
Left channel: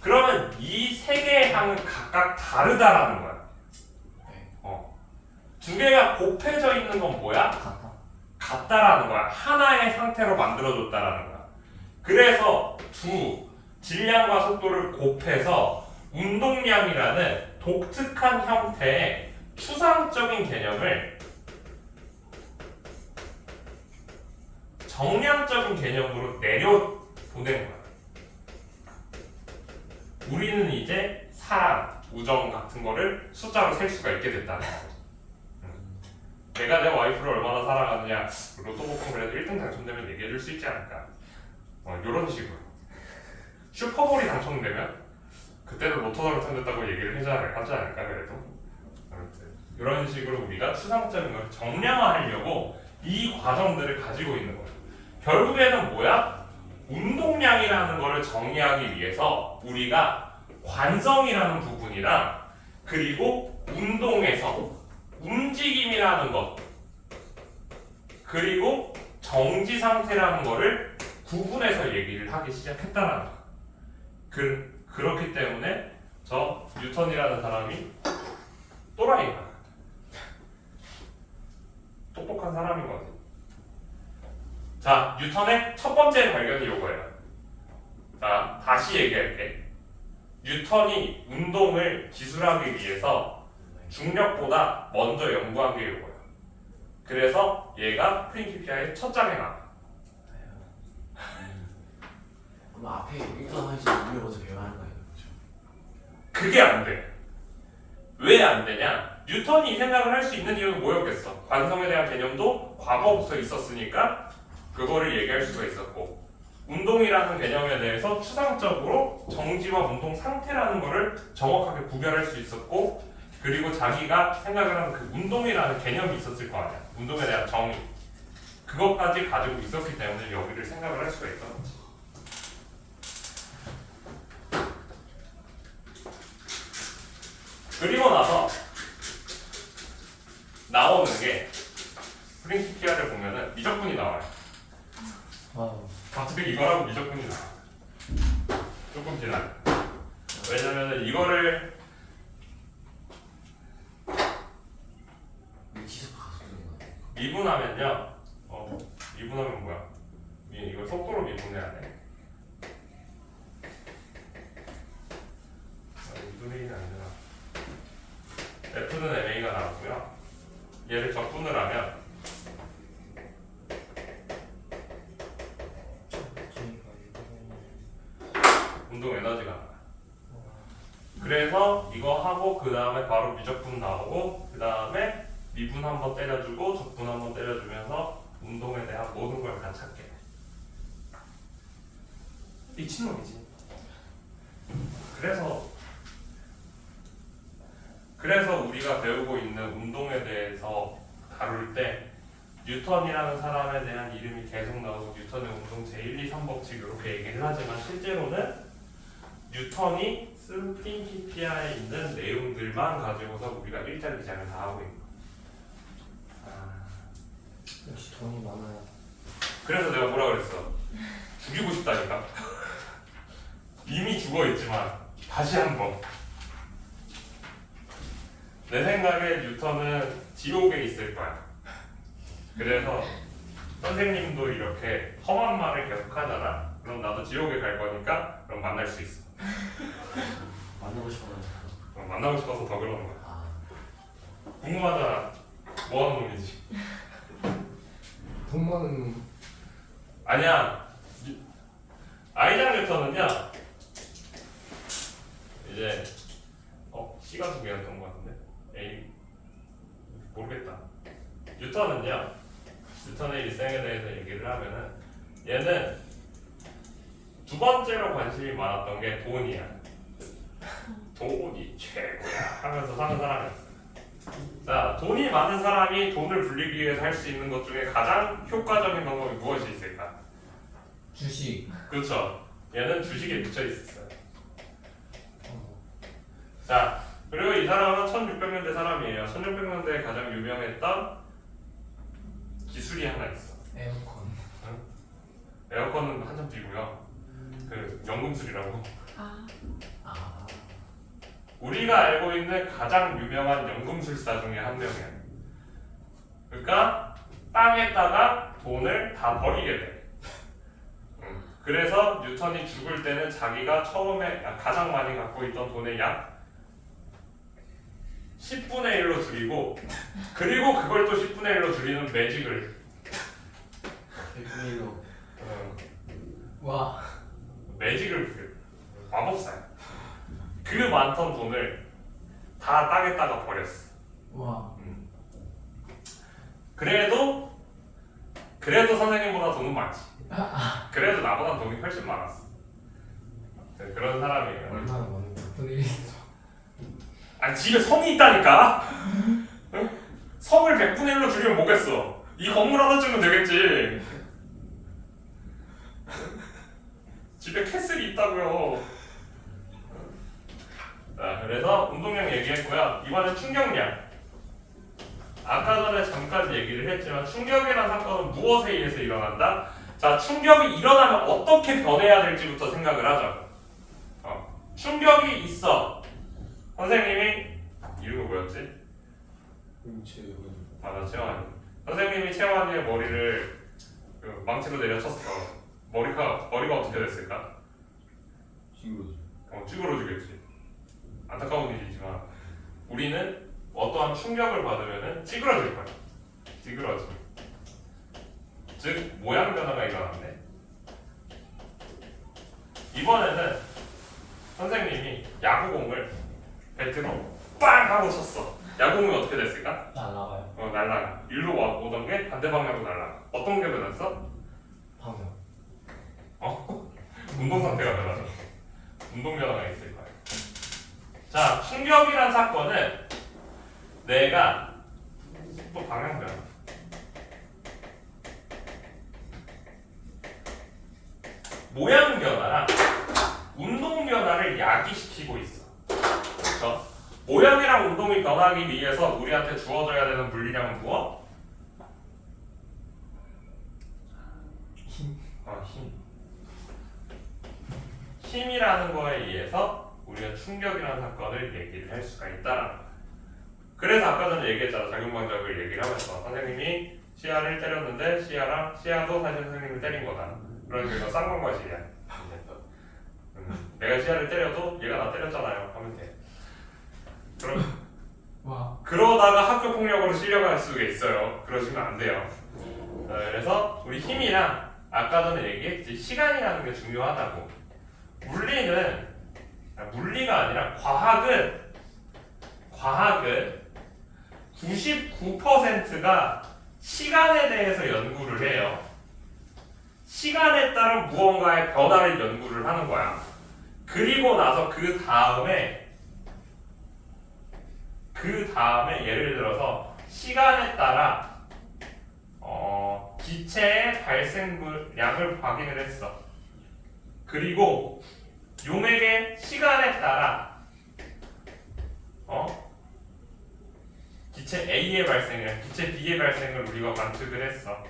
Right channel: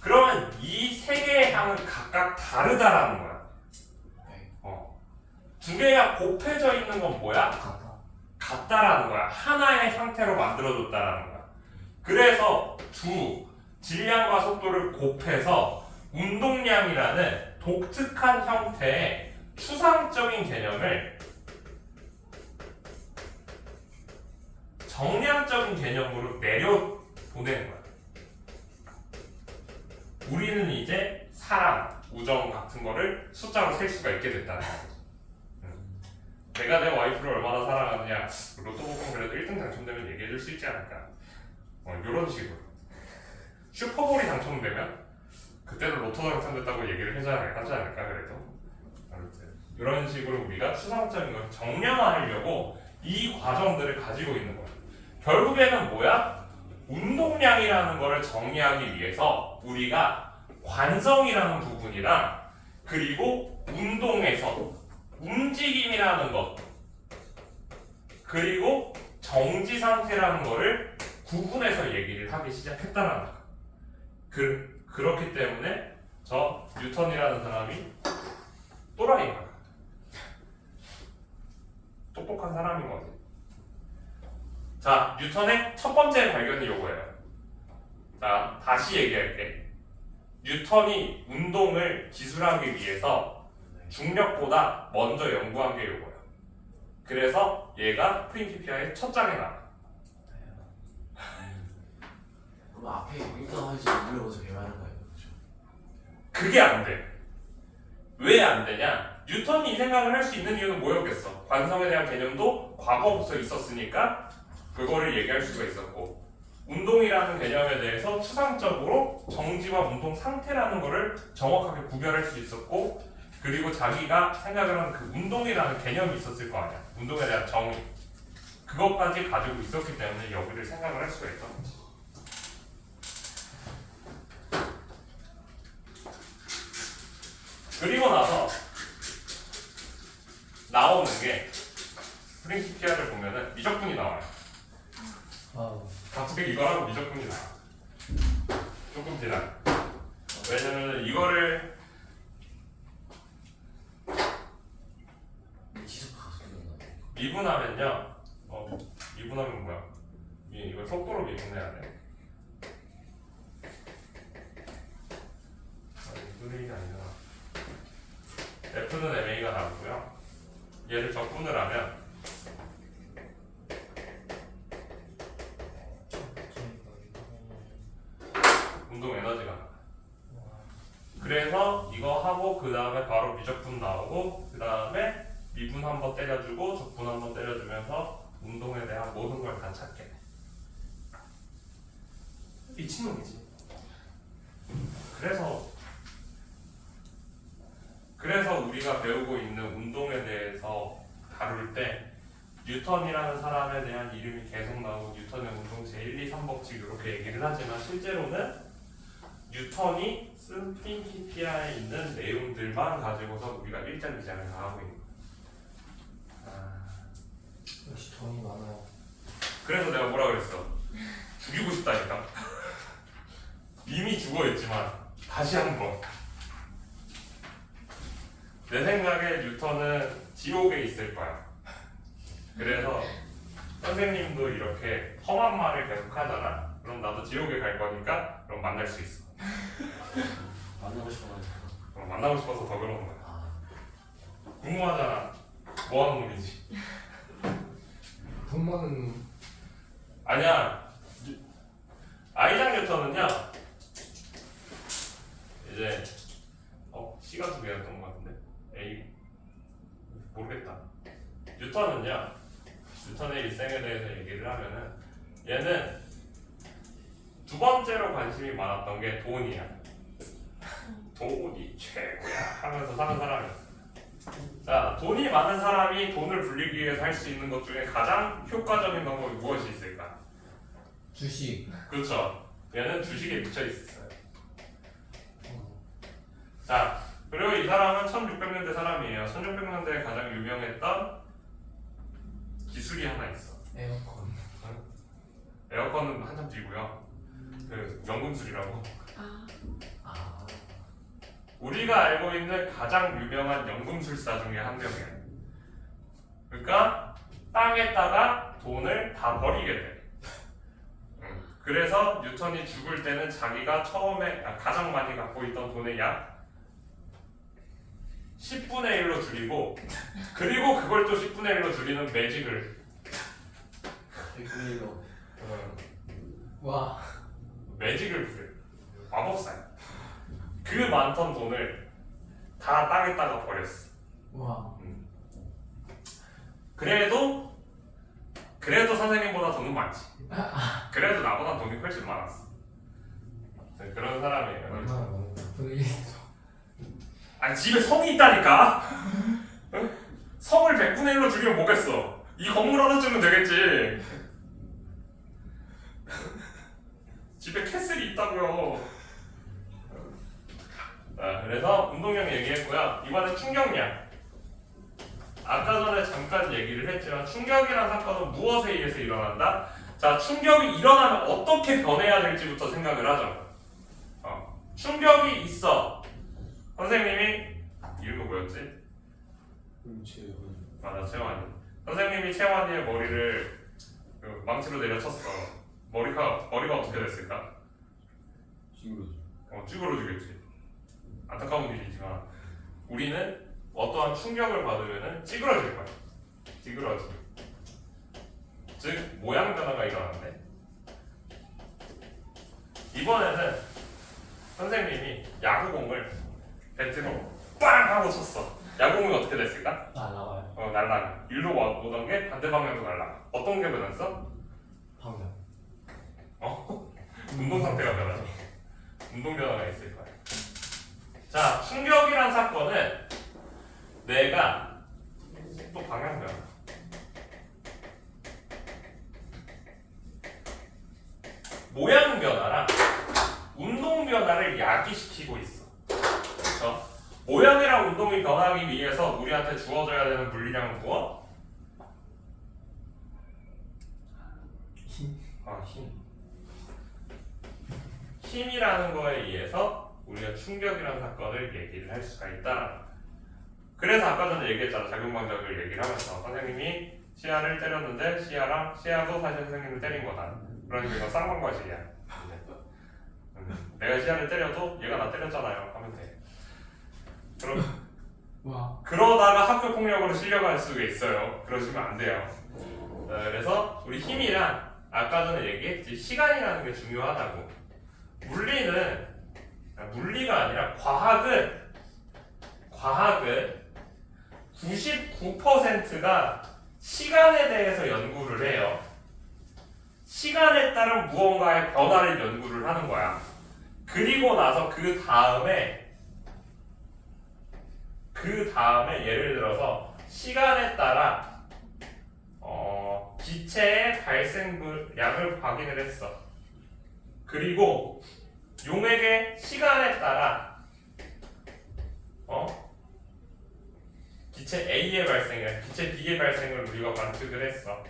그러면 이 세 개의 항은 각각 다르다라는 거야. 두 개가 곱해져 있는 건 뭐야? 같다라는 거야. 하나의 상태로 만들어줬다라는 거야. 그래서 질량과 속도를 곱해서 운동량이라는 독특한 형태의 추상적인 개념을 정량적인 개념으로 내려보내는 거야. 우리는 이제 사랑, 우정 같은 거를 숫자로 셀 수가 있게 됐다는 거야. 내가 내 와이프를 얼마나 사랑하느냐, 로또 복권 그래도 1등 당첨되면 얘기해줄 수 있지 않을까? 이런 식으로. 슈퍼볼이 당첨되면 그때도 로또 당첨됐다고 얘기를 하지 않을까 그래도. 아무튼 이런 식으로 우리가 추상적인 걸 정량화하려고 이 과정들을 가지고 있는 거야. 결국에는 뭐야? 운동량이라는 거를 정의하기 위해서 우리가 관성이라는 부분이랑 그리고 운동에서 움직임이라는 것 그리고 정지 상태라는 거를 구분해서 얘기를 하기 시작했다는 거야. 그렇기 때문에 저 뉴턴이라는 사람이 또라이인 거야. 똑똑한 사람인 거지. 자, 뉴턴의 첫 번째 발견이 요거예요. 자, 다시 얘기할게. 뉴턴이 운동을 기술하기 위해서 중력보다 먼저 연구한 게 요거예요. 그래서 얘가 프린키피아의 첫 장에 나와. 그럼 앞에 일단 하지 우리 먼저 배워야 하는 거예요, 그렇죠? 그게 안 돼. 왜 안 되냐? 뉴턴이 이 생각을 할 수 있는 이유는 뭐였겠어? 관성에 대한 개념도 과거부터 있었으니까 그거를 얘기할 수가 있었고, 운동이라는 개념에 대해서 추상적으로 정지와 운동 상태라는 거를 정확하게 구별할 수 있었고, 그리고 자기가 생각을 하는 그 운동이라는 개념이 있었을 거 아니야. 운동에 대한 정의. 그것까지 가지고 있었기 때문에 여기를 생각을 할 수가 있던 거지. 그리고 나서 나오는 게 프린키피아를 보면은 미적분이 나와요. 갑자기 이거라고 미적분이 나와. 조금 지나. 왜냐면 이거를 지속하고 쓰는 거예요. 미분하면요. 미분하면 뭐야? 이걸 속도로 미분해야 돼. 미분이 아니잖아. F는 MA가 나오고요. 얘를 적분을 하면 운동 에너지가 나와요. 그래서 이거 하고 그 다음에 바로 미적분 나오고 그 다음에 미분 한번 때려주고 적분 한번 때려주면서 운동에 대한 모든 걸 다 찾게 돼. 미친놈이지. 그래서 우리가 배우고 있는 운동에 대해서 다룰 때 뉴턴이라는 사람에 대한 이름이 계속 나오고 뉴턴의 운동 제1, 2, 3법칙 이렇게 얘기를 하지만 실제로는 뉴턴이 쓴 프린키피아에 있는 내용들만 가지고서 우리가 1장, 2장을 다 하고 있는 거야. 역시 돈이 많아요. 그래서 내가 뭐라 그랬어? 죽이고 싶다니까. 이미 죽어있지만 다시 한번. 내 생각에 뉴턴은 지옥에 있을 거야. 그래서 선생님도 이렇게 험한 말을 계속 하잖아. 그럼 나도 지옥에 갈 거니까 그럼 만날 수 있어. 만나고 싶어가지고. 만나고 싶어서 더 그러는 거야. 아, 궁금하잖아. 뭐 하는 놈이지? 돈 많은 아니야. 아이작 뉴턴은요. 이제 C가 두 개였던 것 같은데 A 모르겠다. 뉴턴의 일생에 대해서 얘기를 하면은 얘는 두 번째로 관심이 많았던 게 돈이야. 돈이 최고야 하면서 사는 사람이 있어. 자, 돈이 많은 사람이 돈을 불리기 위해서 할 수 있는 것 중에 가장 효과적인 방법이 무엇이 있을까? 주식. 그렇죠. 얘는 주식에 미쳐 있었어요. 자, 그리고 이 사람은 1600년대 사람이에요. 1600년대에 가장 유명했던 기술이 하나 있어. 에어컨. 에어컨은 한참 뒤고요. 그 연금술이라고. 아. 우리가 알고 있는 가장 유명한 연금술사 중에 한 명이에요. 그러니까 땅에다가 돈을 다 버리게 돼. 그래서 뉴턴이 죽을 때는 자기가 처음에 가장 많이 갖고 있던 돈의 약 10분의 1로 줄이고, 그리고 그걸 또 10분의 1로 줄이는 매직을 100분의 1로. 와. 매직을 부려. 마법사야. 그 많던 돈을 다 땅에다가 버렸어. 와. 그래도 선생님보다 돈은 많지. 그래도 나보다 돈이 훨씬 많았어. 그런 사람이에요. 얼마나 많은 분이 아니 집에 성이 있다니까. 응? 성을 100분의 1로 줄이면 뭐겠어? 이 건물 하나 주면 되겠지. 집에 캐슬이 있다고요. 자, 그래서 운동량 얘기했고요. 이번엔 충격량. 아까 전에 잠깐 얘기를 했지만 충격이라는 사건은 무엇에 의해서 일어난다? 자, 충격이 일어나면 어떻게 변해야 될지부터 생각을 하자고. 충격이 있어. 선생님이 이름이 뭐였지? 맞아, 채원이. 선생님이 채원이의 머리를 그 망치로 내려쳤어. 머리가 어떻게 됐을까? 찌그러지겠지. 안타까운 일이지만 우리는 어떠한 충격을 받으면은 찌그러질 거야. 찌그러짐. 즉 모양 변화가 일어나는데 이번에는 선생님이 야구공을 배트로 빵 하고 쳤어. 야구공이 어떻게 됐을까? 날라가요. 날라가. 일로 오던 게 반대 방향으로 날라가. 어떤 게 변했어? 방금. 운동 상태가 변하죠. 운동 변화가 있을 거예요. 자, 충격이란 사건은 내가 또 방향 변화. 모양 변화랑 운동 변화를 야기시키고 있어. 그렇죠? 모양이랑 운동이 변하기 위해서 우리한테 주어져야 되는 물리량은 무엇? 힘. 힘. 힘이라는 거에 의해서 우리가 충격이라는 사건을 얘기를 할 수가 있다라는 거야. 그래서 아까 전에 얘기했잖아. 작용방작을 얘기를 하면서 선생님이 시야를 때렸는데 시야도 사실 선생님을 때린 거다. 그러니까 이거 쌍방과실이야. 내가 시야를 때려도 얘가 나 때렸잖아요 하면 돼. 그러다가 학교 폭력으로 실려갈 수가 있어요. 그러시면 안 돼요. 그래서 우리 힘이랑 아까 전에 얘기했지, 시간이라는 게 중요하다고. 물리가 아니라 과학은 99%가 시간에 대해서 연구를 해요. 시간에 따른 무언가의 변화를 연구를 하는 거야. 그리고 나서 그 다음에 예를 들어서 시간에 따라 기체의 발생량을 확인을 했어. 그리고 용액의 시간에 따라 기체 A의 발생이랑 기체 B의 발생을 우리가 관측을 했어.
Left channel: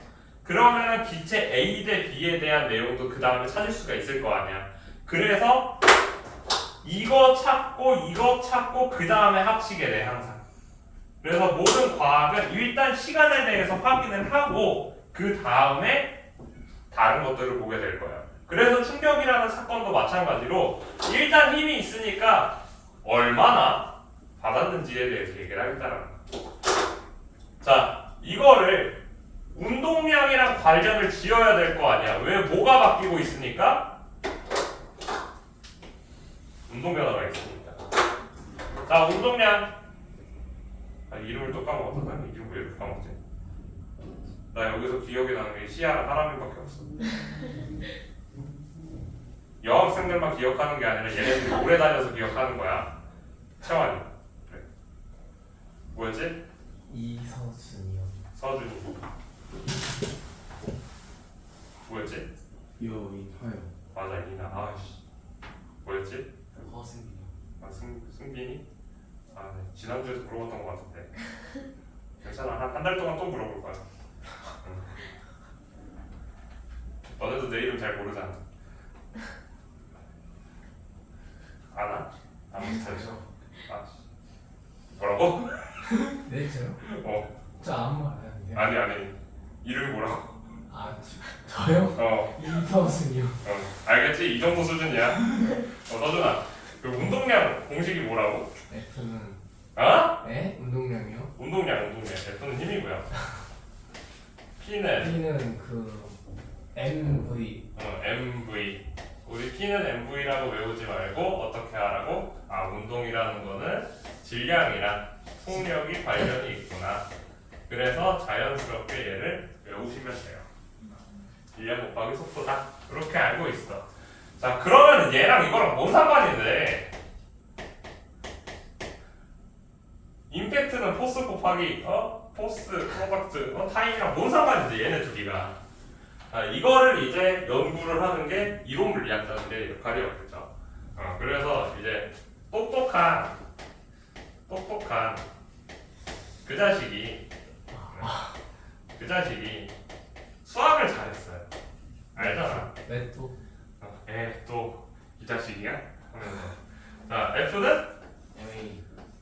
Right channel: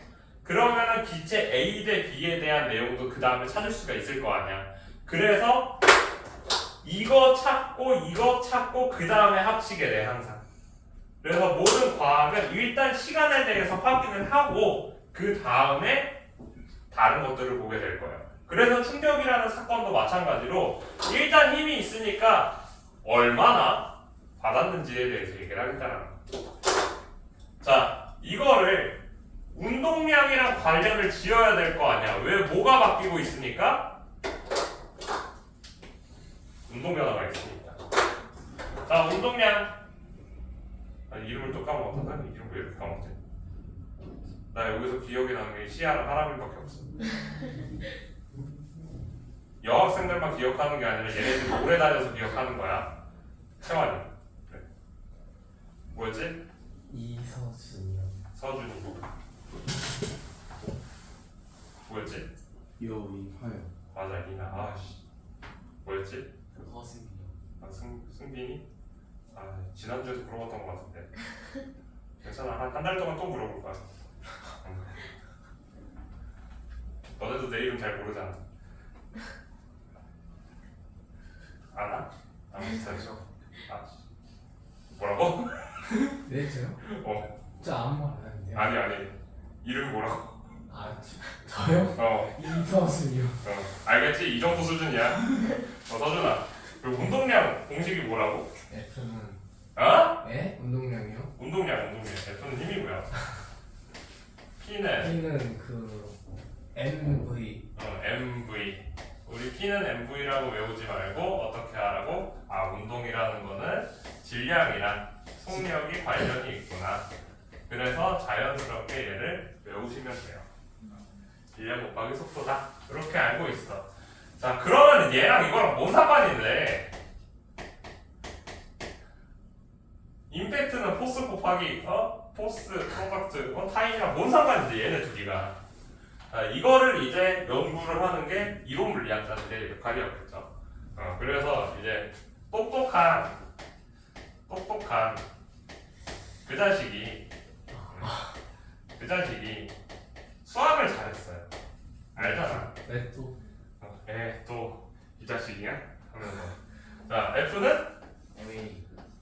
그러면은 기체 A 대 B에 대한 내용도 그 다음에 찾을 수가 있을 거 아니야. 그래서 이거 찾고 그 다음에 합치게 돼 항상. 그래서 모든 과학은 일단 시간에 대해서 확인을 하고 그 다음에 다른 것들을 보게 될 거야. 그래서 충격이라는 사건도 마찬가지로 일단 힘이 있으니까 얼마나 받았는지에 대해서 얘기를 하겠다는 거야. 자, 이거를 운동량이랑 관련을 지어야 될 거 아니야. 왜 뭐가 바뀌고 있으니까? 운동 변화가 있으니까. 자, 운동량. 이름을 또 까먹었다. 난 이름 왜 이렇게 까먹지? 나 여기서 기억이 나는 게 시아랑 하람이밖에 없어. 여학생들만 기억하는 게 아니라 얘네들이 오래 다녀서 기억하는 거야. 채환이. 그래. 뭐였지? 이서준이요. 서준이. 뭐였지? 여인하여. 맞아, 이나. 아씨. 뭐였지? 허승이요. 승빈이? 지난주에도 물어봤던 것 같은데. 괜찮아. 한 달 동안 또 물어볼 거야. 너네도 내 이름 잘 모르잖아. 아나? 아무튼 뭐라고? 네, 저요? 저 아무 말 안 했는데. 아니. 이름이 뭐라고? 저요? 이서준이요. 알겠지? 이 정도 수준이야. 서준아. 그 운동량 공식이 뭐라고? F는 네? 운동량이요? 운동량. F는 힘이고요. P는 P는 MV. MV. 우리 P는 MV라고 외우지 말고 어떻게 하라고? 운동이라는 거는 질량이랑 속력이 관련이 있구나. 그래서 자연스럽게 얘를 외우시면 돼요. 질량 곱하기 속도다. 이렇게 알고 있어. 자, 그러면 얘랑 이거랑 뭔 상관인데? 임팩트는 포스 곱하기 포스 프로덕트 타임이랑 뭔 상관인데 얘네 둘이가. 이거를 이제 연구를 하는 게 이론 물리학자들의 역할이었겠죠. 그래서 이제 똑똑한 그 자식이 수학을 잘했어요. 알잖아. 왜 또? 또 이 자식이야? 하면서 자 F는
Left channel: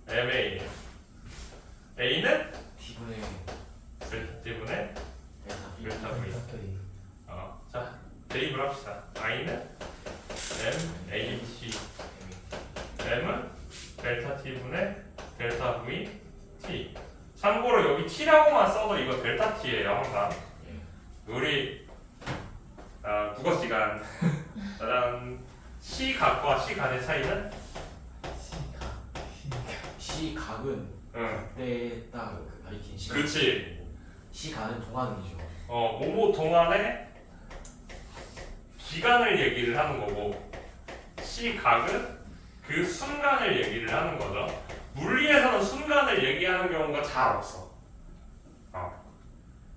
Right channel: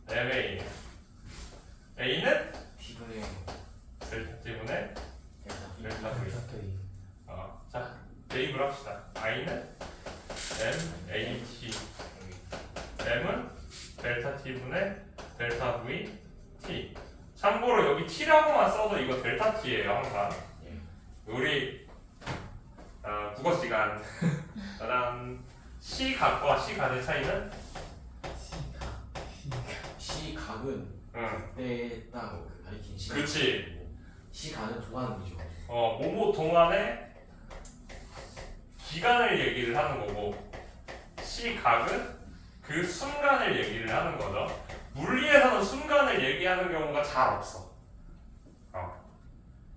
MA A는 T분의 T분의 델타 V 델타 V. 자 대입을 합시다. I는 MAT, M은 델타 T분의 델타 V T. 참고로 여기 T라고만 써도 이거 델타 T예요 항상. 예. 우리 국어 시간 짜잔 시각과 시간의 차이는 시각은 응 그때 딱 가리킨 시간. 그렇지. 시간은 동안이죠. 뭐뭐 동안의 기간을 얘기를 하는 거고 시각은 그 순간을 얘기를 하는 거죠. 물리에서는 순간을 얘기하는 경우가 잘 없어.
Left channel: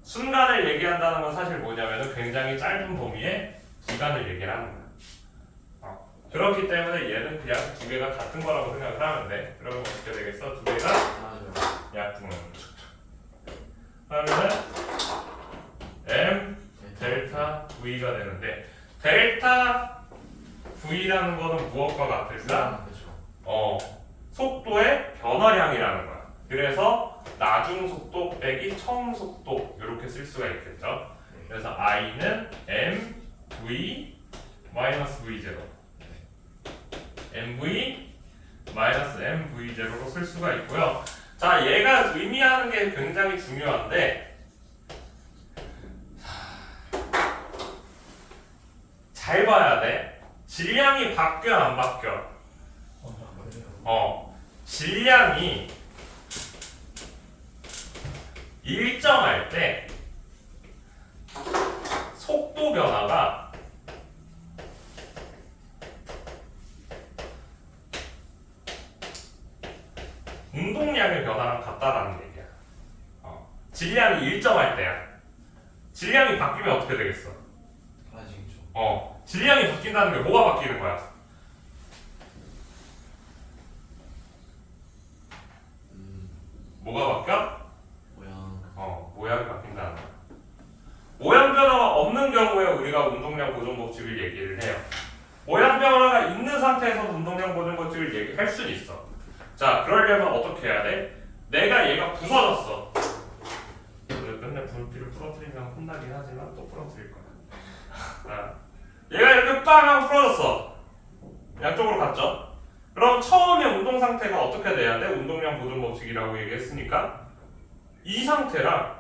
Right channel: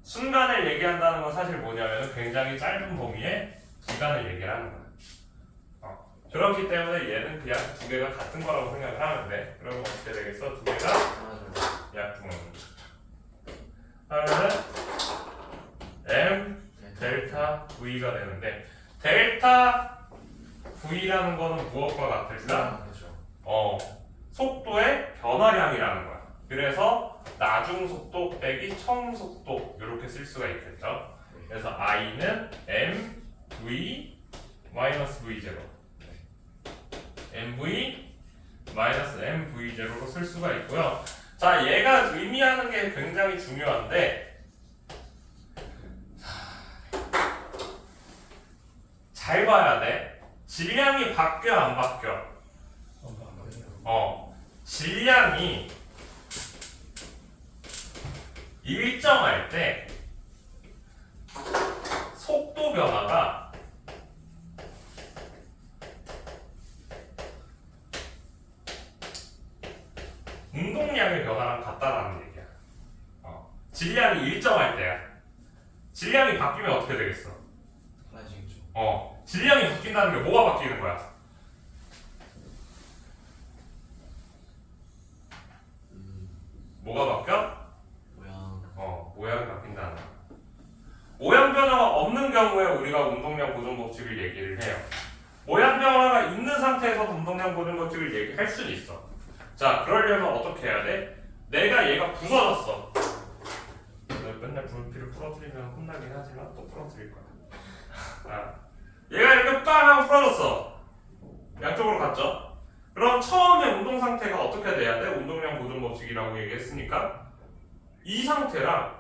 순간을 얘기한다는 건 사실 뭐냐면은 굉장히 짧은 범위의 기간을 얘기를 하는 거야. 그렇기 때문에 얘는 그냥 두 개가 같은 거라고 생각을 하면 돼. 그러면 어떻게 되겠어? 두 개가 맞아요. 약분. 그러면 M 델타 V가 되는데 델타 V라는 거는 무엇과 같을까? 그렇죠. 속도의 변화량이라는 거야. 그래서 나중 속도 빼기 처음 속도 이렇게 쓸 수가 있겠죠. 그래서 I는 MV 마이너스 V0 MV 마이너스 MV0로 쓸 수가 있고요. 자, 얘가 의미하는 게 굉장히 중요한데 잘 봐야 돼. 질량이 바뀌어 안 바뀌어? 질량이 일정할 때 속도 변화가 운동량의 변화랑 같다라는 얘기야. 질량이 일정할 때야. 질량이 바뀌면 어떻게 되겠어? 사라지겠죠. 질량이 바뀐다는 게 뭐가 바뀌는 거야? 뭐가 바뀌어? 모양이 바뀐다는 거야. 모양 변화가 없는 경우에 우리가 운동량 보존 법칙을 얘기를 해요. 모양 변화가 있는 상태에서 운동량 보존 법칙을 얘기할 수는 있어. 자, 그러려면 어떻게 해야 돼? 내가 얘가 부서졌어. 맨날 불필을 풀어뜨리면 혼나긴 하지만 또 풀어뜨릴 거야. 자, 얘가 이렇게 빵 하고 풀어졌어. 양쪽으로 갔죠? 그럼 처음에 운동 상태가 어떻게 돼야 돼? 운동량 보존 법칙이라고 얘기했으니까 이 상태랑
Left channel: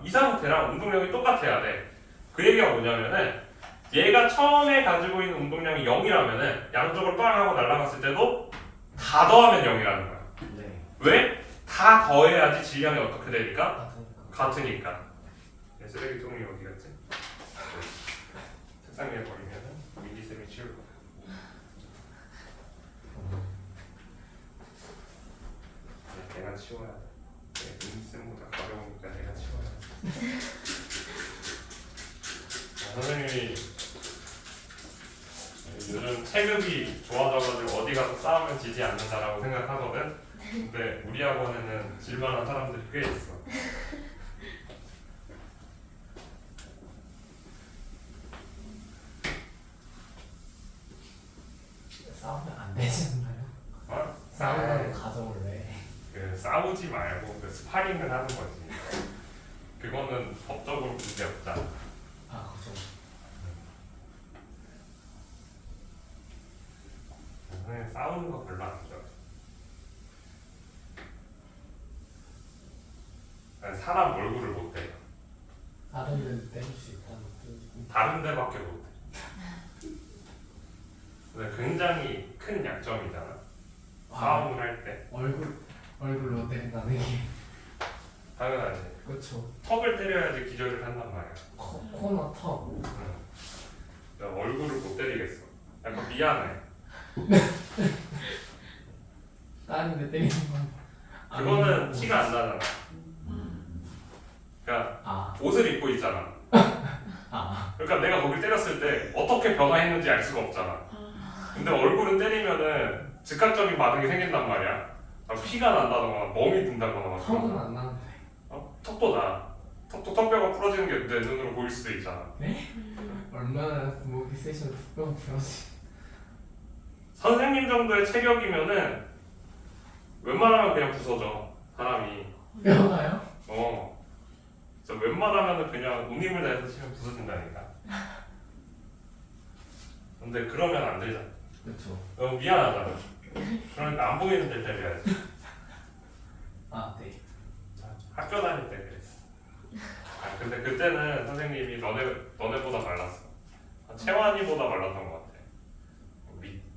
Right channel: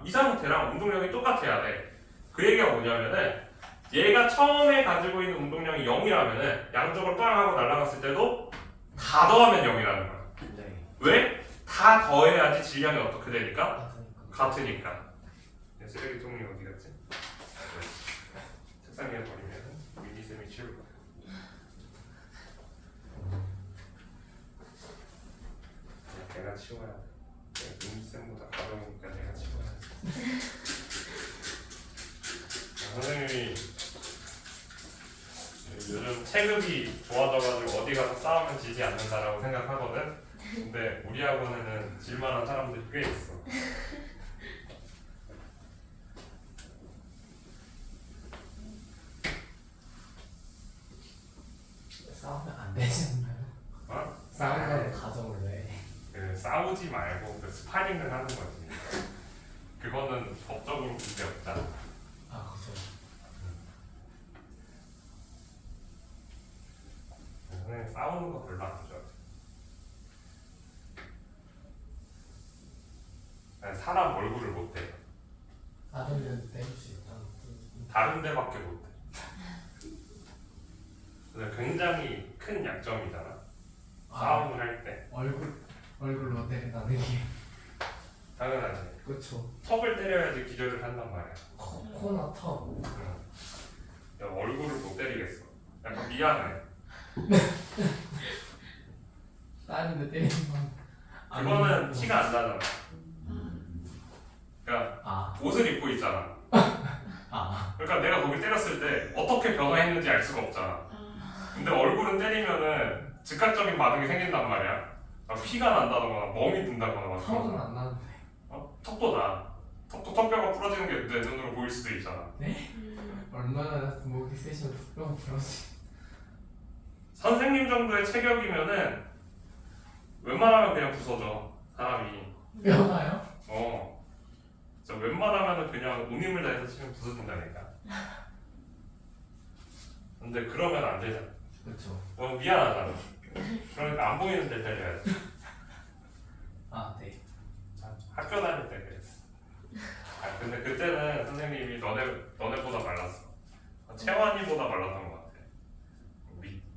운동량이 똑같아야 돼. 그 얘기가 뭐냐면은 얘가 처음에 가지고 있는 운동량이 0이라면은 양쪽으로 빵 하고 날아갔을 때도 다 더하면 0이라는 거야. 네. 왜? 다 더해야지 질량이 어떻게 되니까? 같으니까. 쓰레기통이 어디 갔지? 책상 위에 버리면은 미니쌤이 치울 거야. 내가 치워야 돼. 미니쌤보다 가벼우니까 내가 치워야 돼. 선생님이 요즘 체급이 좋아져가지고 어디 가서 싸우면 지지 않는다라고 생각하거든. 근데 우리 학원에는 질만한 사람들이 꽤 있어. 싸우면 안 되지 않나요? 싸우는 가정을 왜? 싸우지 말고 스파링을 하는 거지. 그거는 법적으로 문제 없잖아. 그죠. 선생님 싸우는 거 별로 안 좋아해. 사람 얼굴을 못 때려. 다른 데는 때릴 수 있다는 뜻이고. 다른 데밖에 못 때려. 굉장히 큰 약점이잖아. 싸움을 할 때. 얼굴로 때린다는 얘기. 당연하지. 그렇죠. 턱을 때려야지 기절을 한단 말이야. 코나 턱. 야, 얼굴을 못 때리겠어. 약간 미안해. 다른데 때리는 건. 그거는 티가 안 나잖아. 그러니까 옷을 입고 있잖아. 그러니까 내가 거길 때렸을 때 어떻게 변화했는지 알 수가 없잖아. 근데 얼굴은 때리면은 즉각적인 반응이 생긴단 말이야. 피가 난다거나 멍이 든다거나 막 그런 턱은 거. 안 나는데. 턱도 나. 턱뼈가 부러지는 게 내 눈으로 보일 수도 있잖아. 얼마나 목이 세시면 턱뼈가 부러지. 선생님 정도의 체격이면은 웬만하면 그냥 부서져 사람이. 뼈가요? 진짜 웬만하면은 그냥 온 힘을 다해서 치면 부서진다니까. 근데 그러면 안 되잖아. 그렇죠. 너무 미안하잖아. 그러니까 안 보이는 데 때려야지. 아 네. 학교 다닐 때 그랬어. 근데 그때는 선생님이 너네보다 말랐어. 채환이보다 말랐던 것 같아.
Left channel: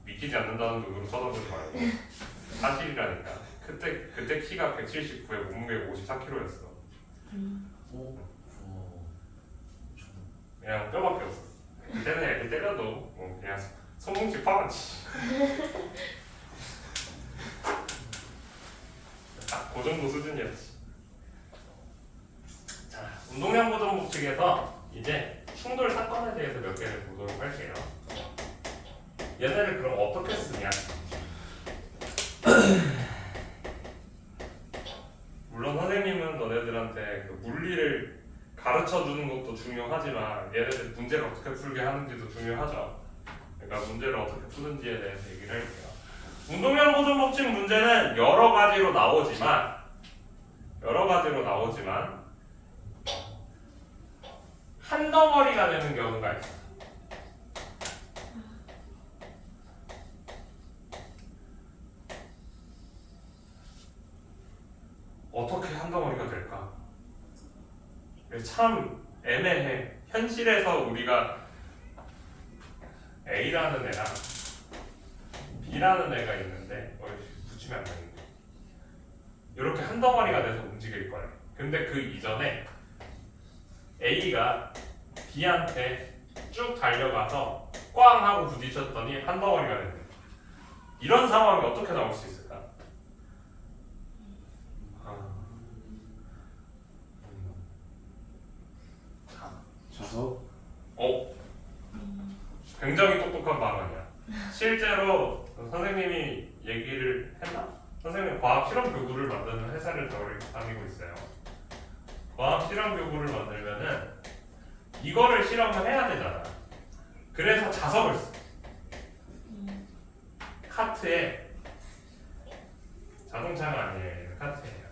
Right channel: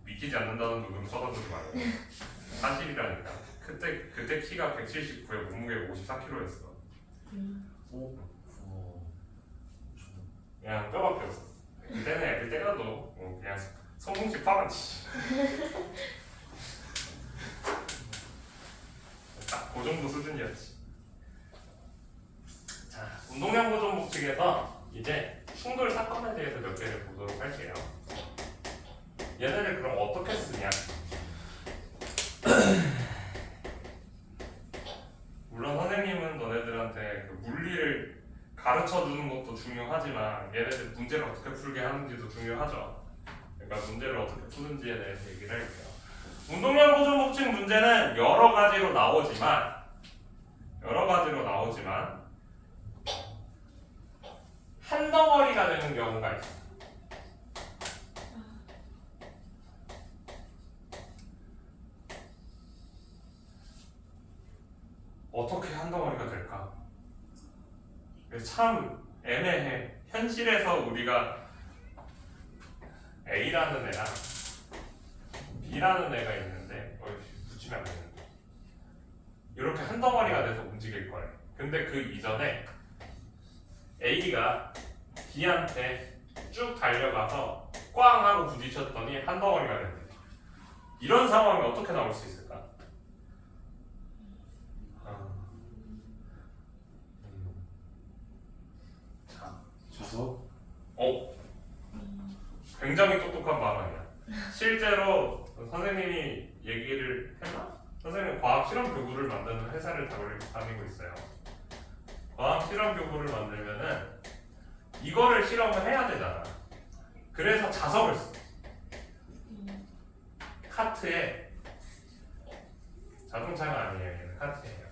믿기지 않는다는 눈으로 쳐다보지 말고 사실이라니까. 그때 키가 179에 몸무게 54kg였어. 오. 그냥 뼈밖에 없었어. 그때는 애들 때려도 그냥 손뭉치 파란치. 딱 그 정도 수준이었지. 자, 운동량 보존 법칙에서 이제 충돌 사건에 대해서 몇 개를 보도록 할게요. 얘네를 그럼 어떻게 쓰냐? 물론 선생님은 너네들한테 그 물리를 가르쳐 주는 것도 중요하지만 얘네들 문제를 어떻게 풀게 하는지도 중요하죠. 그러니까 문제를 어떻게 푸는지에 대해서 얘기를 할게요. 운동량 보존 법칙 문제는 여러 가지로 나오지만 한 덩어리가 되는 경우가 있어. 어떻게 한 덩어리가 될까? 참 애매해. 현실에서 우리가 A라는 애랑 B라는 애가 있는데 붙이면 안 되는데 이렇게 한 덩어리가 돼서 움직일 거야. 근데 그 이전에 A가 B한테 쭉 달려가서 꽝 하고 부딪혔더니 한 덩어리가 된다. 이런 상황이 어떻게 나올 수 있을까? 자석. 굉장히 똑똑한 발언이야. 실제로 선생님이 얘기를 했나? 선생님 과학 실험 교구를 만드는 회사를 다니고 있어요. 과학 실험 교구를 만들면은 이거를 실험을 해야 되잖아. 그래서 자석을 써. 카트에 자동차가 아니에요. 얘는 카트예요.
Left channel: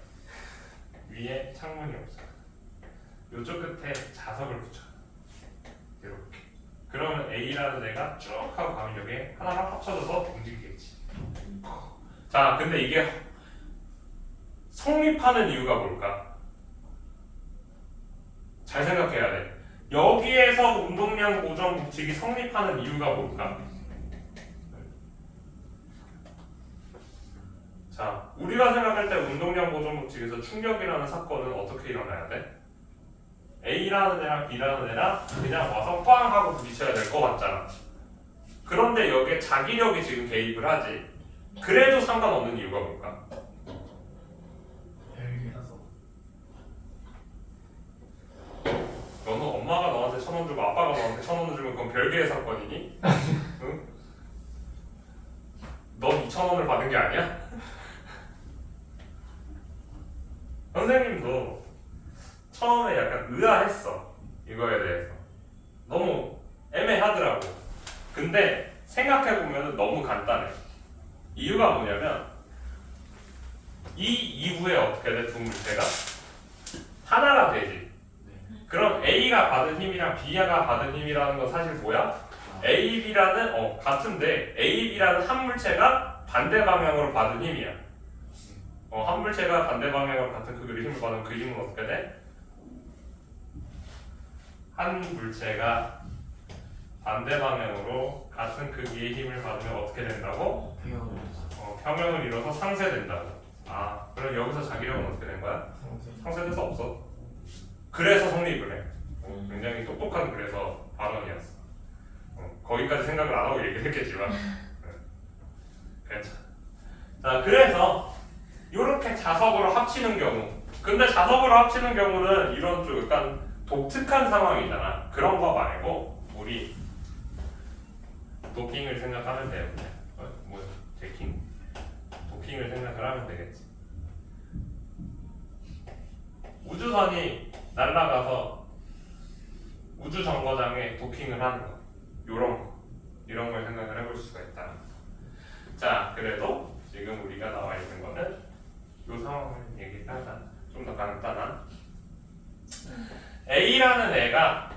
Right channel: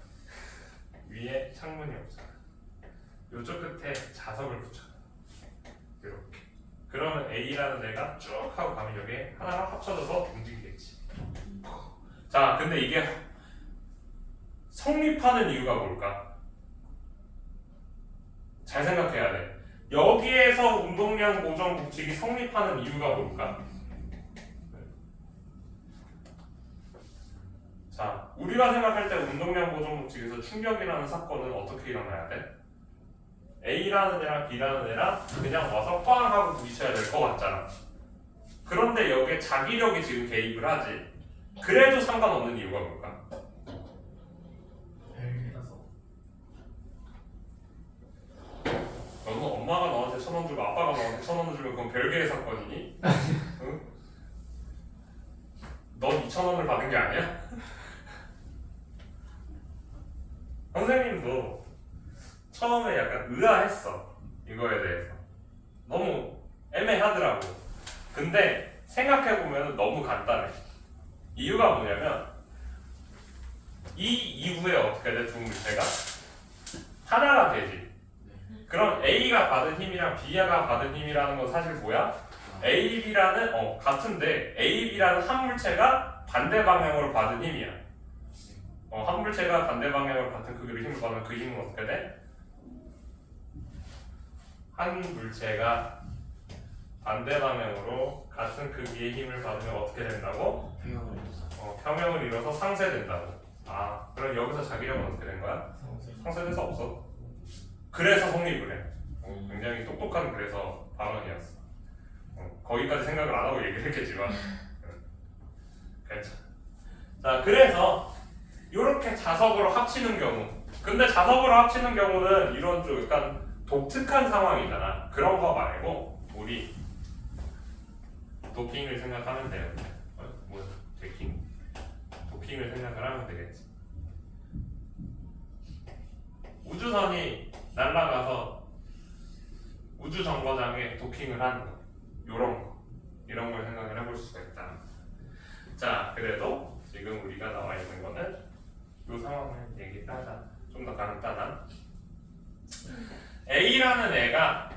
위에 창문이 없어요. 이쪽 끝에 자석을 붙여. 이렇게. 그러면 A라는 애가 쭉 하고 가면 여기에 하나가 합쳐져서 움직이겠지. 자, 근데 이게 성립하는 이유가 뭘까? 잘 생각해야 돼. 여기에서 운동량 보존 법칙이 성립하는 이유가 뭘까? 자, 우리가 생각할 때 운동량 보존 법칙에서 충격이라는 사건은 어떻게 일어나야 돼? A라는 애랑 B라는 애랑 그냥 와서 꽝 하고 부딪혀야 될 것 같잖아. 그런데 여기에 자기력이 지금 개입을 하지. 그래도 상관없는 이유가 뭘까? 별개라서. 너는 엄마가 너한테 1,000원 주고 아빠가 너한테 1,000원 주면 그건 별개의 사건이니? 응? 넌 2,000원을 받은 게 아니야? 선생님도 처음에 약간 의아했어. 이거에 대해서. 너무 애매하더라고. 근데 생각해보면 너무 간단해. 이유가 뭐냐면 이 이후에 어떻게 돼? 두 물체가 하나가 되지. 그럼 A가 받은 힘이랑 B가 받은 힘이라는 건 사실 뭐야? A, B라는 같은데 A, B라는 한 물체가 반대 방향으로 받은 힘이야. 한 물체가 반대 방향으로 같은 크기로 힘을 받으면 그 힘은 어떻게 돼? 한 물체가 반대 방향으로 같은 크기의 힘을 받으면 어떻게 된다고? 평형을 이뤄서 상쇄된다고. 그럼 여기서 자기력은 어떻게 된 거야? 상쇄될 수 없어. 그래서 성립을 해. 굉장히 똑똑한 그래서 발언이었어. 거기까지 생각을 안 하고 얘기를 했겠지만. 괜찮아. 자, 그래서 이렇게 자석으로 합치는 경우. 근데 자석으로 합치는 경우는 이런 좀 약간 독특한 상황이잖아. 그런 거 말고 우리 도킹을 생각하면 돼요. 뭐야? 데킹? 도킹을 생각을 하면 되겠지. 우주선이 날아가서 우주 정거장에 도킹을 하는 거, 이런 걸 생각을 해볼 수가 있다. 자, 그래도 지금 우리가 나와 있는 거는 이 상황을 얘기하자. 좀 더 간단한 A라는 애가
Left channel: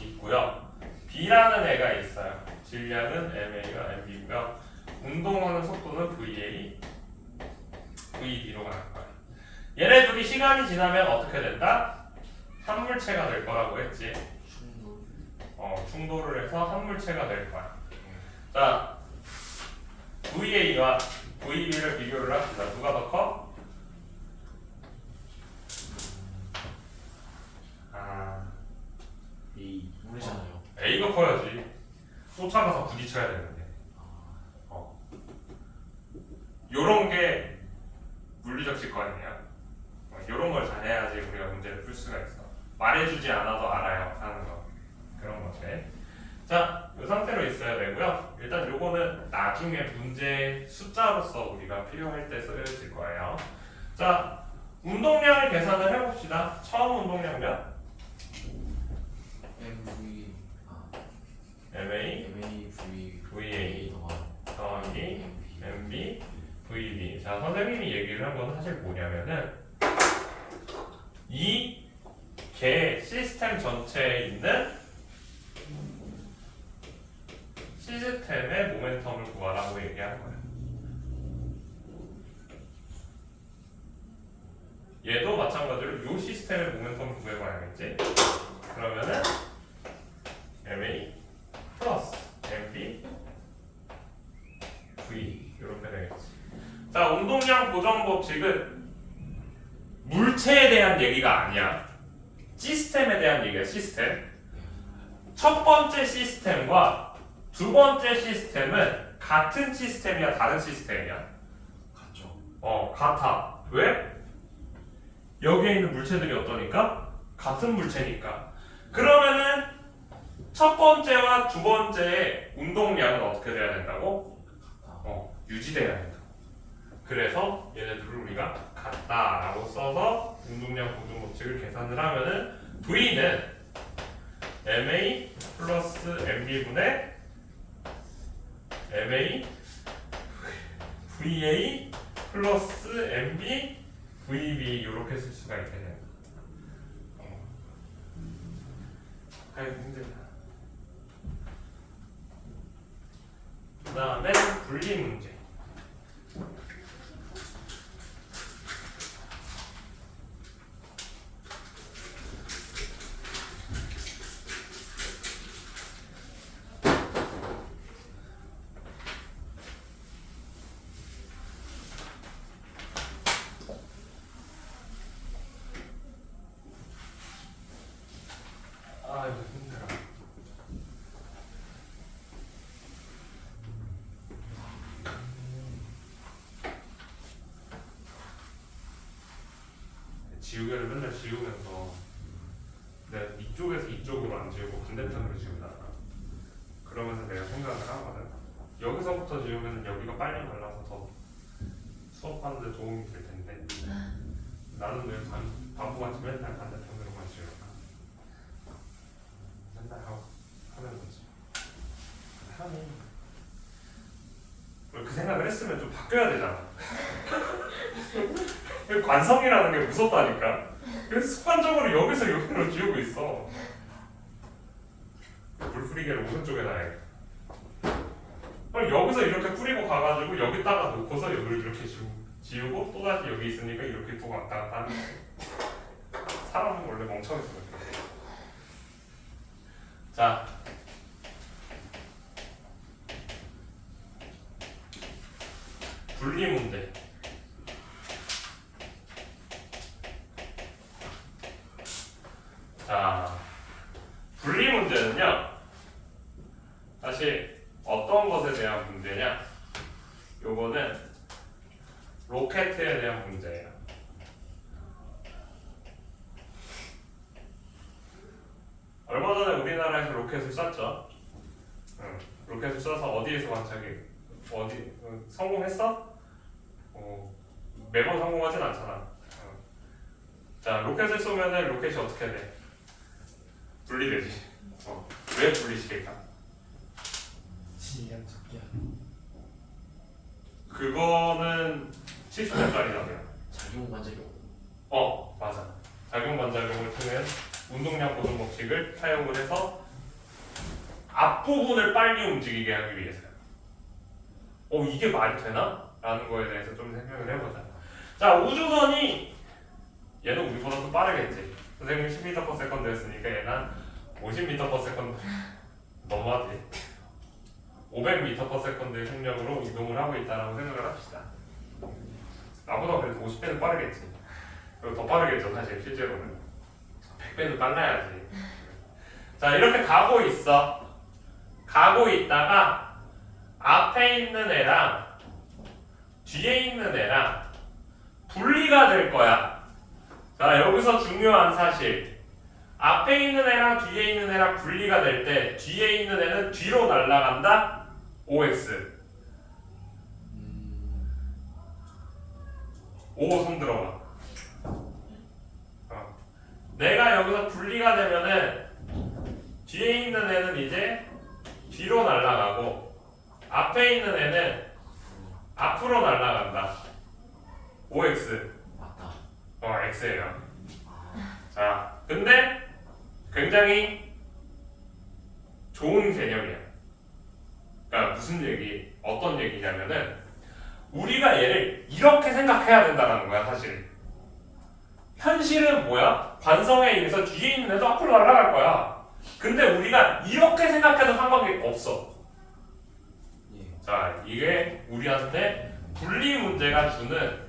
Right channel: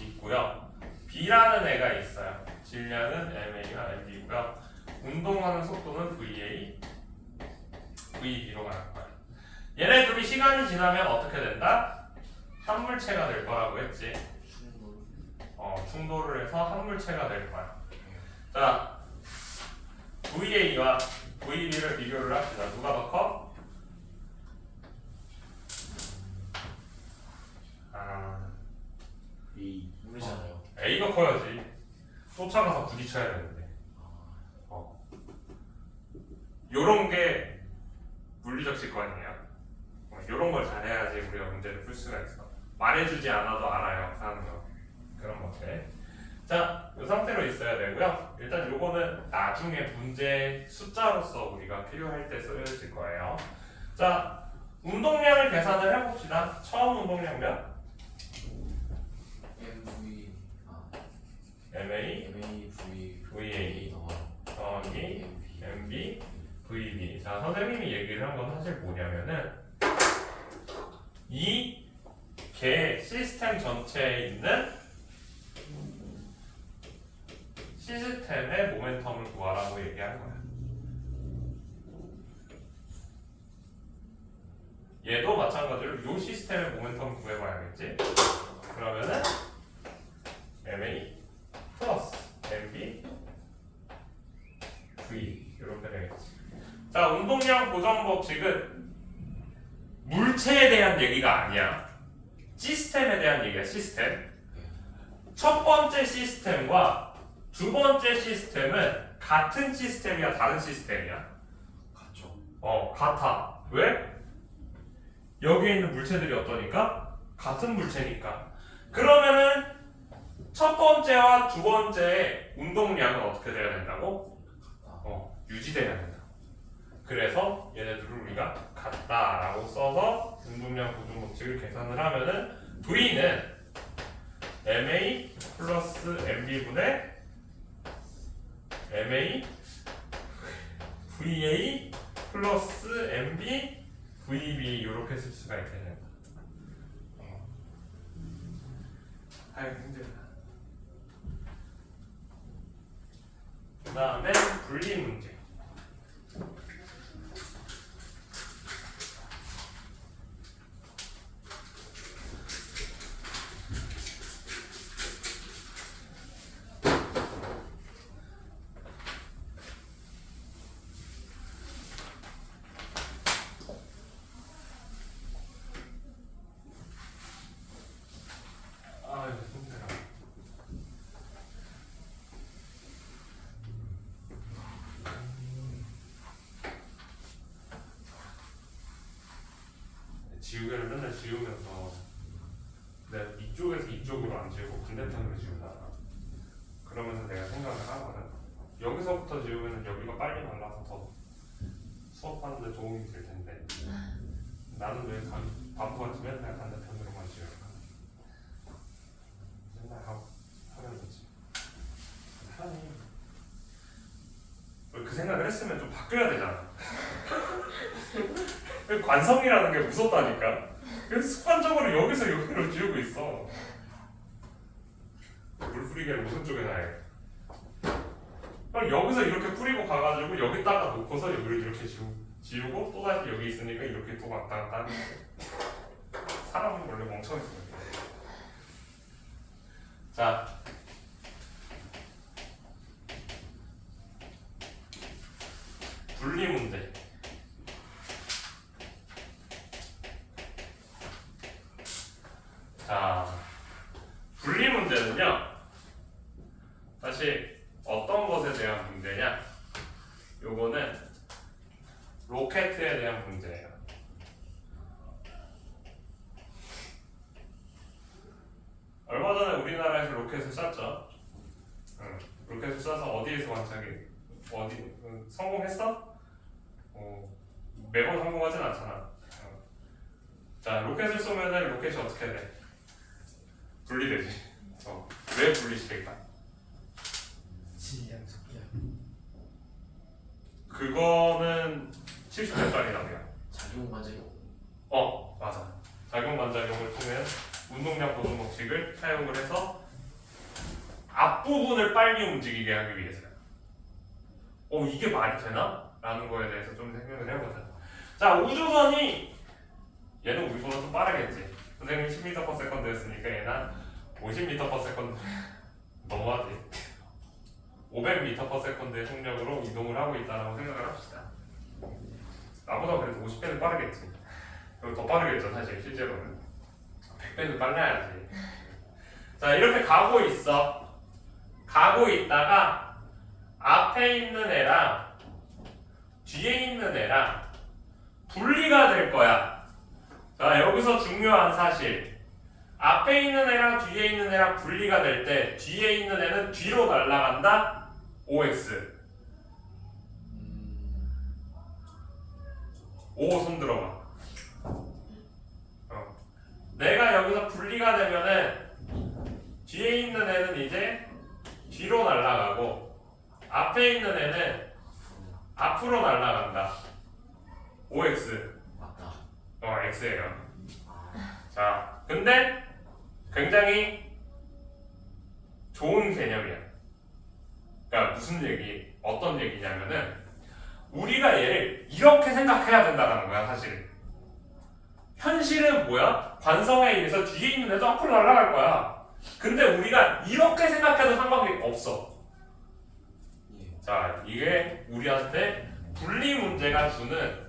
있고요, B라는 애가 있어요. 질량은 MA와 MB고요. 운동하는 속도는 VA, VB로 가는 거야. 얘네 둘이 시간이 지나면 어떻게 된다? 한 물체가 될 거라고 했지. 충돌을 해서 한 물체가 될 거야. 자, VA와 VB를 비교를 합시다. 누가 더 커? 이 모르잖아요. A가 커야지. 쫓아가서 부딪혀야 되는데. 요런 게 물리적 직관이에요. 요런 걸 잘해야지 우리가 문제를 풀 수가 있어. 말해주지 않아도 알아요. 하는 거. 그런 것들. 자, 이 상태로 있어야 되고요. 일단 요거는 나중에 문제 숫자로서 우리가 필요할 때 쓰여질 거예요. 자, 운동량을 계산을 해봅시다. 처음 운동량 몇? MA VA 더하기 MB VB. 자, 선생님이 얘기를 한 건 사실 뭐냐면은 이 개 시스템 전체에 있는 시스템의 모멘텀을 구하라고 얘기한 거야. 얘도 마찬가지로 이 시스템의 모멘텀을 구해봐야겠지. 그러면은 MA 플러스 MB V 이렇게 되겠지. 자, 운동량 보정 법칙은 물체에 대한 얘기가 아니야. 시스템에 대한 얘기야. 시스템. 첫 번째 시스템과 두 번째 시스템은 같은 시스템이야, 다른 시스템이야? 같죠. 같아. 왜? 여기에 있는 물체들이 어떠니까? 같은 물체니까. 그러면은 첫 번째와 두 번째의 운동량은 어떻게 돼야 된다고? 유지돼야 된다. 그래서 얘네들을 우리가 같다라고 써서 운동량 보존 법칙을 계산을 하면은 V는 MA 플러스 MB분의 MA VA 플러스 MB VB 이렇게 쓸 수가 있게 된다. 아유, 힘들다. 그 다음에 분리 문제. 아유, 힘들어. 지우개를 맨날 지우면서 내가 이쪽에서 이쪽으로 안 지우고 반대편으로 지운다. 그러면서 내가 생각을 하거든. 여기서부터 지우면 여기가 빨리 말라서 더 수업하는데 도움이 될 텐데 나는 왜 바보같이 맨날 반대편으로만 지울까? 맨날 하면 되지. 하니 그 생각을 했으면 좀 바뀌어야 되잖아. 관성이라는 게 무섭다니까. 그래서 습관적으로 여기서 여기로 지우고 있어. 물 뿌리개를 오른쪽에 놔야겠다. 그럼 여기서 이렇게 뿌리고 가가지고 여기다가 놓고서 여기를 이렇게 지우고 또 다시 여기 있으니까 이렇게 또 왔다 갔다 하는 거지. 사람은 원래 멍청해서 그래. 자, 분리 문제. 자, 분리 문제는요, 사실 어떤 것에 대한 문제냐? 요거는 로켓에 대한 문제예요. 얼마 전에 우리나라에서 로켓을 쐈죠. 로켓을 쏴서 어디에서 관측이 어디 성공했어? 매번 성공하진 않잖아. 자, 로켓을 쏘면은 로켓이 어떻게 돼? 분리되지. 왜 분리시킬까? 질량 적게. 그거는 70년짜리라고요. 작용 반작용. 맞아. 작용 반작용을 통한 운동량 보존 법칙을 사용을 해서 앞부분을 빨리 움직이게 하기 위해서요. 이게 말이 되나? 라는 거에 대해서 좀 생각을 해보자. 자, 우주선이 얘는 우리보다 더 빠르겠지. 선생님이 10m/s 였으니까 얘는 50m/s 너무하지. 500m/s의 속력으로 이동을 하고 있다라고 생각을 합시다. 나보다 그래도 50배는 빠르겠지. 그리고 더 빠르겠죠, 사실 실제로는. 100배는 빨라야지. 자, 이렇게 가고 있어. 가고 있다가 앞에 있는 애랑 뒤에 있는 애랑 분리가 될 거야. 자, 여기서 중요한 사실. 앞에 있는 애랑 뒤에 있는 애랑 분리가 될 때 뒤에 있는 애는 뒤로 날아간다. OX. O 손 들어봐. 내가 여기서 분리가 되면은 뒤에 있는 애는 이제 뒤로 날아가고 앞에 있는 애는 앞으로 날아간다. OX. 맞다. X예요. 자, 근데 굉장히 좋은 개념이야. 그러니까 무슨 얘기, 어떤 얘기냐면은 우리가 얘를 이렇게 생각해야 된다는 거야, 사실. 현실은 뭐야? 관성에 의해서 뒤에 있는 애도 앞으로 날아갈 거야. 근데 우리가 이렇게 생각해도 상관이 없어. 예. 자, 이게 우리한테 분리 문제가 주는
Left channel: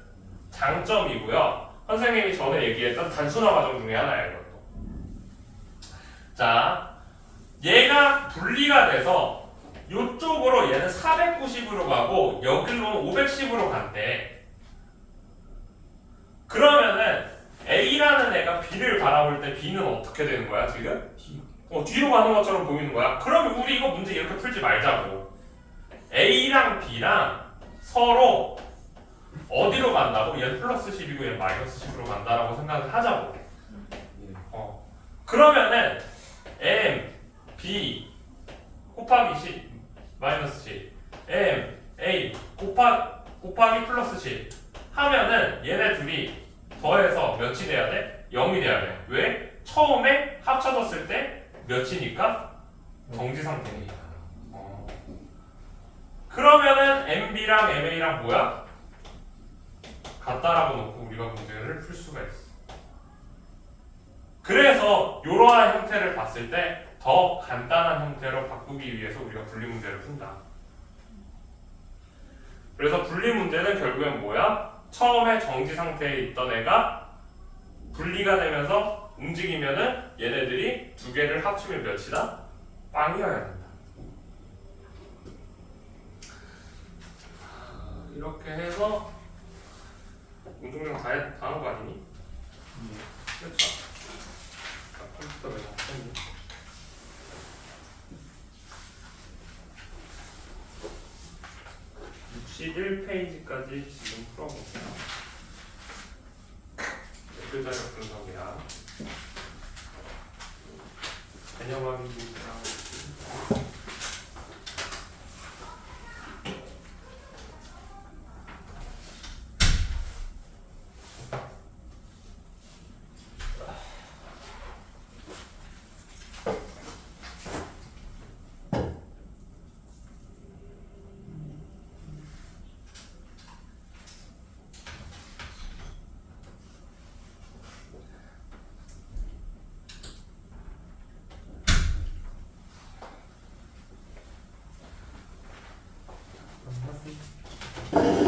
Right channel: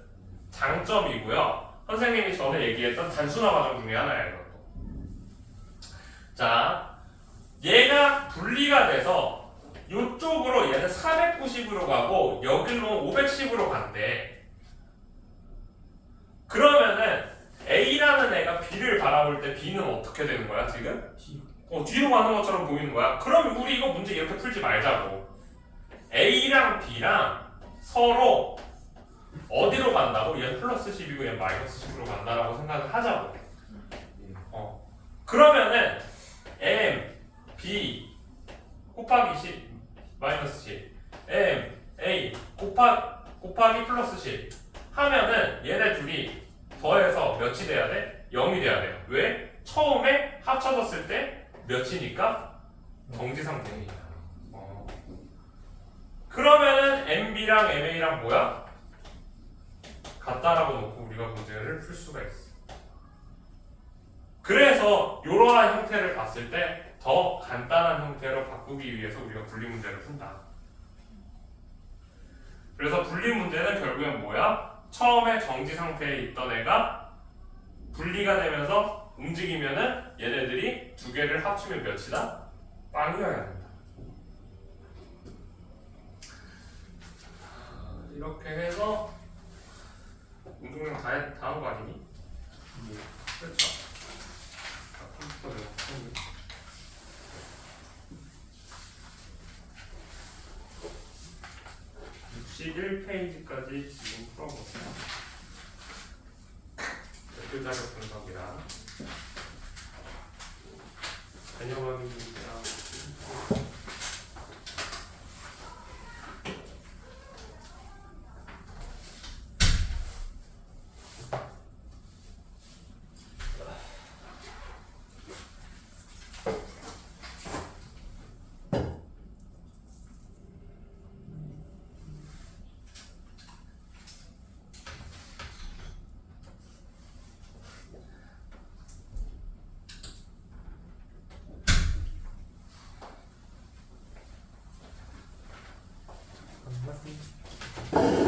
장점이고요. 선생님이 전에 얘기했던 단순화 과정 중에 하나예요, 이것도. 자, 얘가 분리가 돼서 이쪽으로 얘는 490으로 가고 여기로는 510으로 간대. 그러면은 A라는 애가 B를 바라볼 때 B는 어떻게 되는 거야, 지금? 뒤로 가는 것처럼 보이는 거야. 그러면 우리 이거 문제 이렇게 풀지 말자고. A랑 B랑 서로 어디로 간다고? 얘는 플러스 10이고 얘는 마이너스 10으로 간다라고 생각을 하자고. 예. 그러면은 M, B 곱하기 10 마이너스 10 M, A 곱하기 플러스 10 하면은 얘네 둘이 더해서 몇이 돼야 돼? 0이 돼야 돼. 왜? 처음에 합쳐졌을 때 몇이니까? 정지 상태니까. 그러면은 MB랑 MA랑 뭐야? 같다라고 놓고 우리가 문제를 풀 수가 있어. 그래서 이러한 형태를 봤을 때 더 간단한 형태로 바꾸기 위해서 우리가 분리 문제를 푼다. 그래서 분리 문제는 결국엔 뭐야? 처음에 정지 상태에 있던 애가 분리가 되면서 움직이면은 얘네들이 두 개를 합치면 몇이다? 빵이어야 된다. 이렇게 해서 운동량 다 한 거 아니니? 됐다. 컴퓨터 내가 했네. 61페이지까지 지금 풀어보세요. 대표자료 분석이랑 개념학이 문제랑 끝났습니다.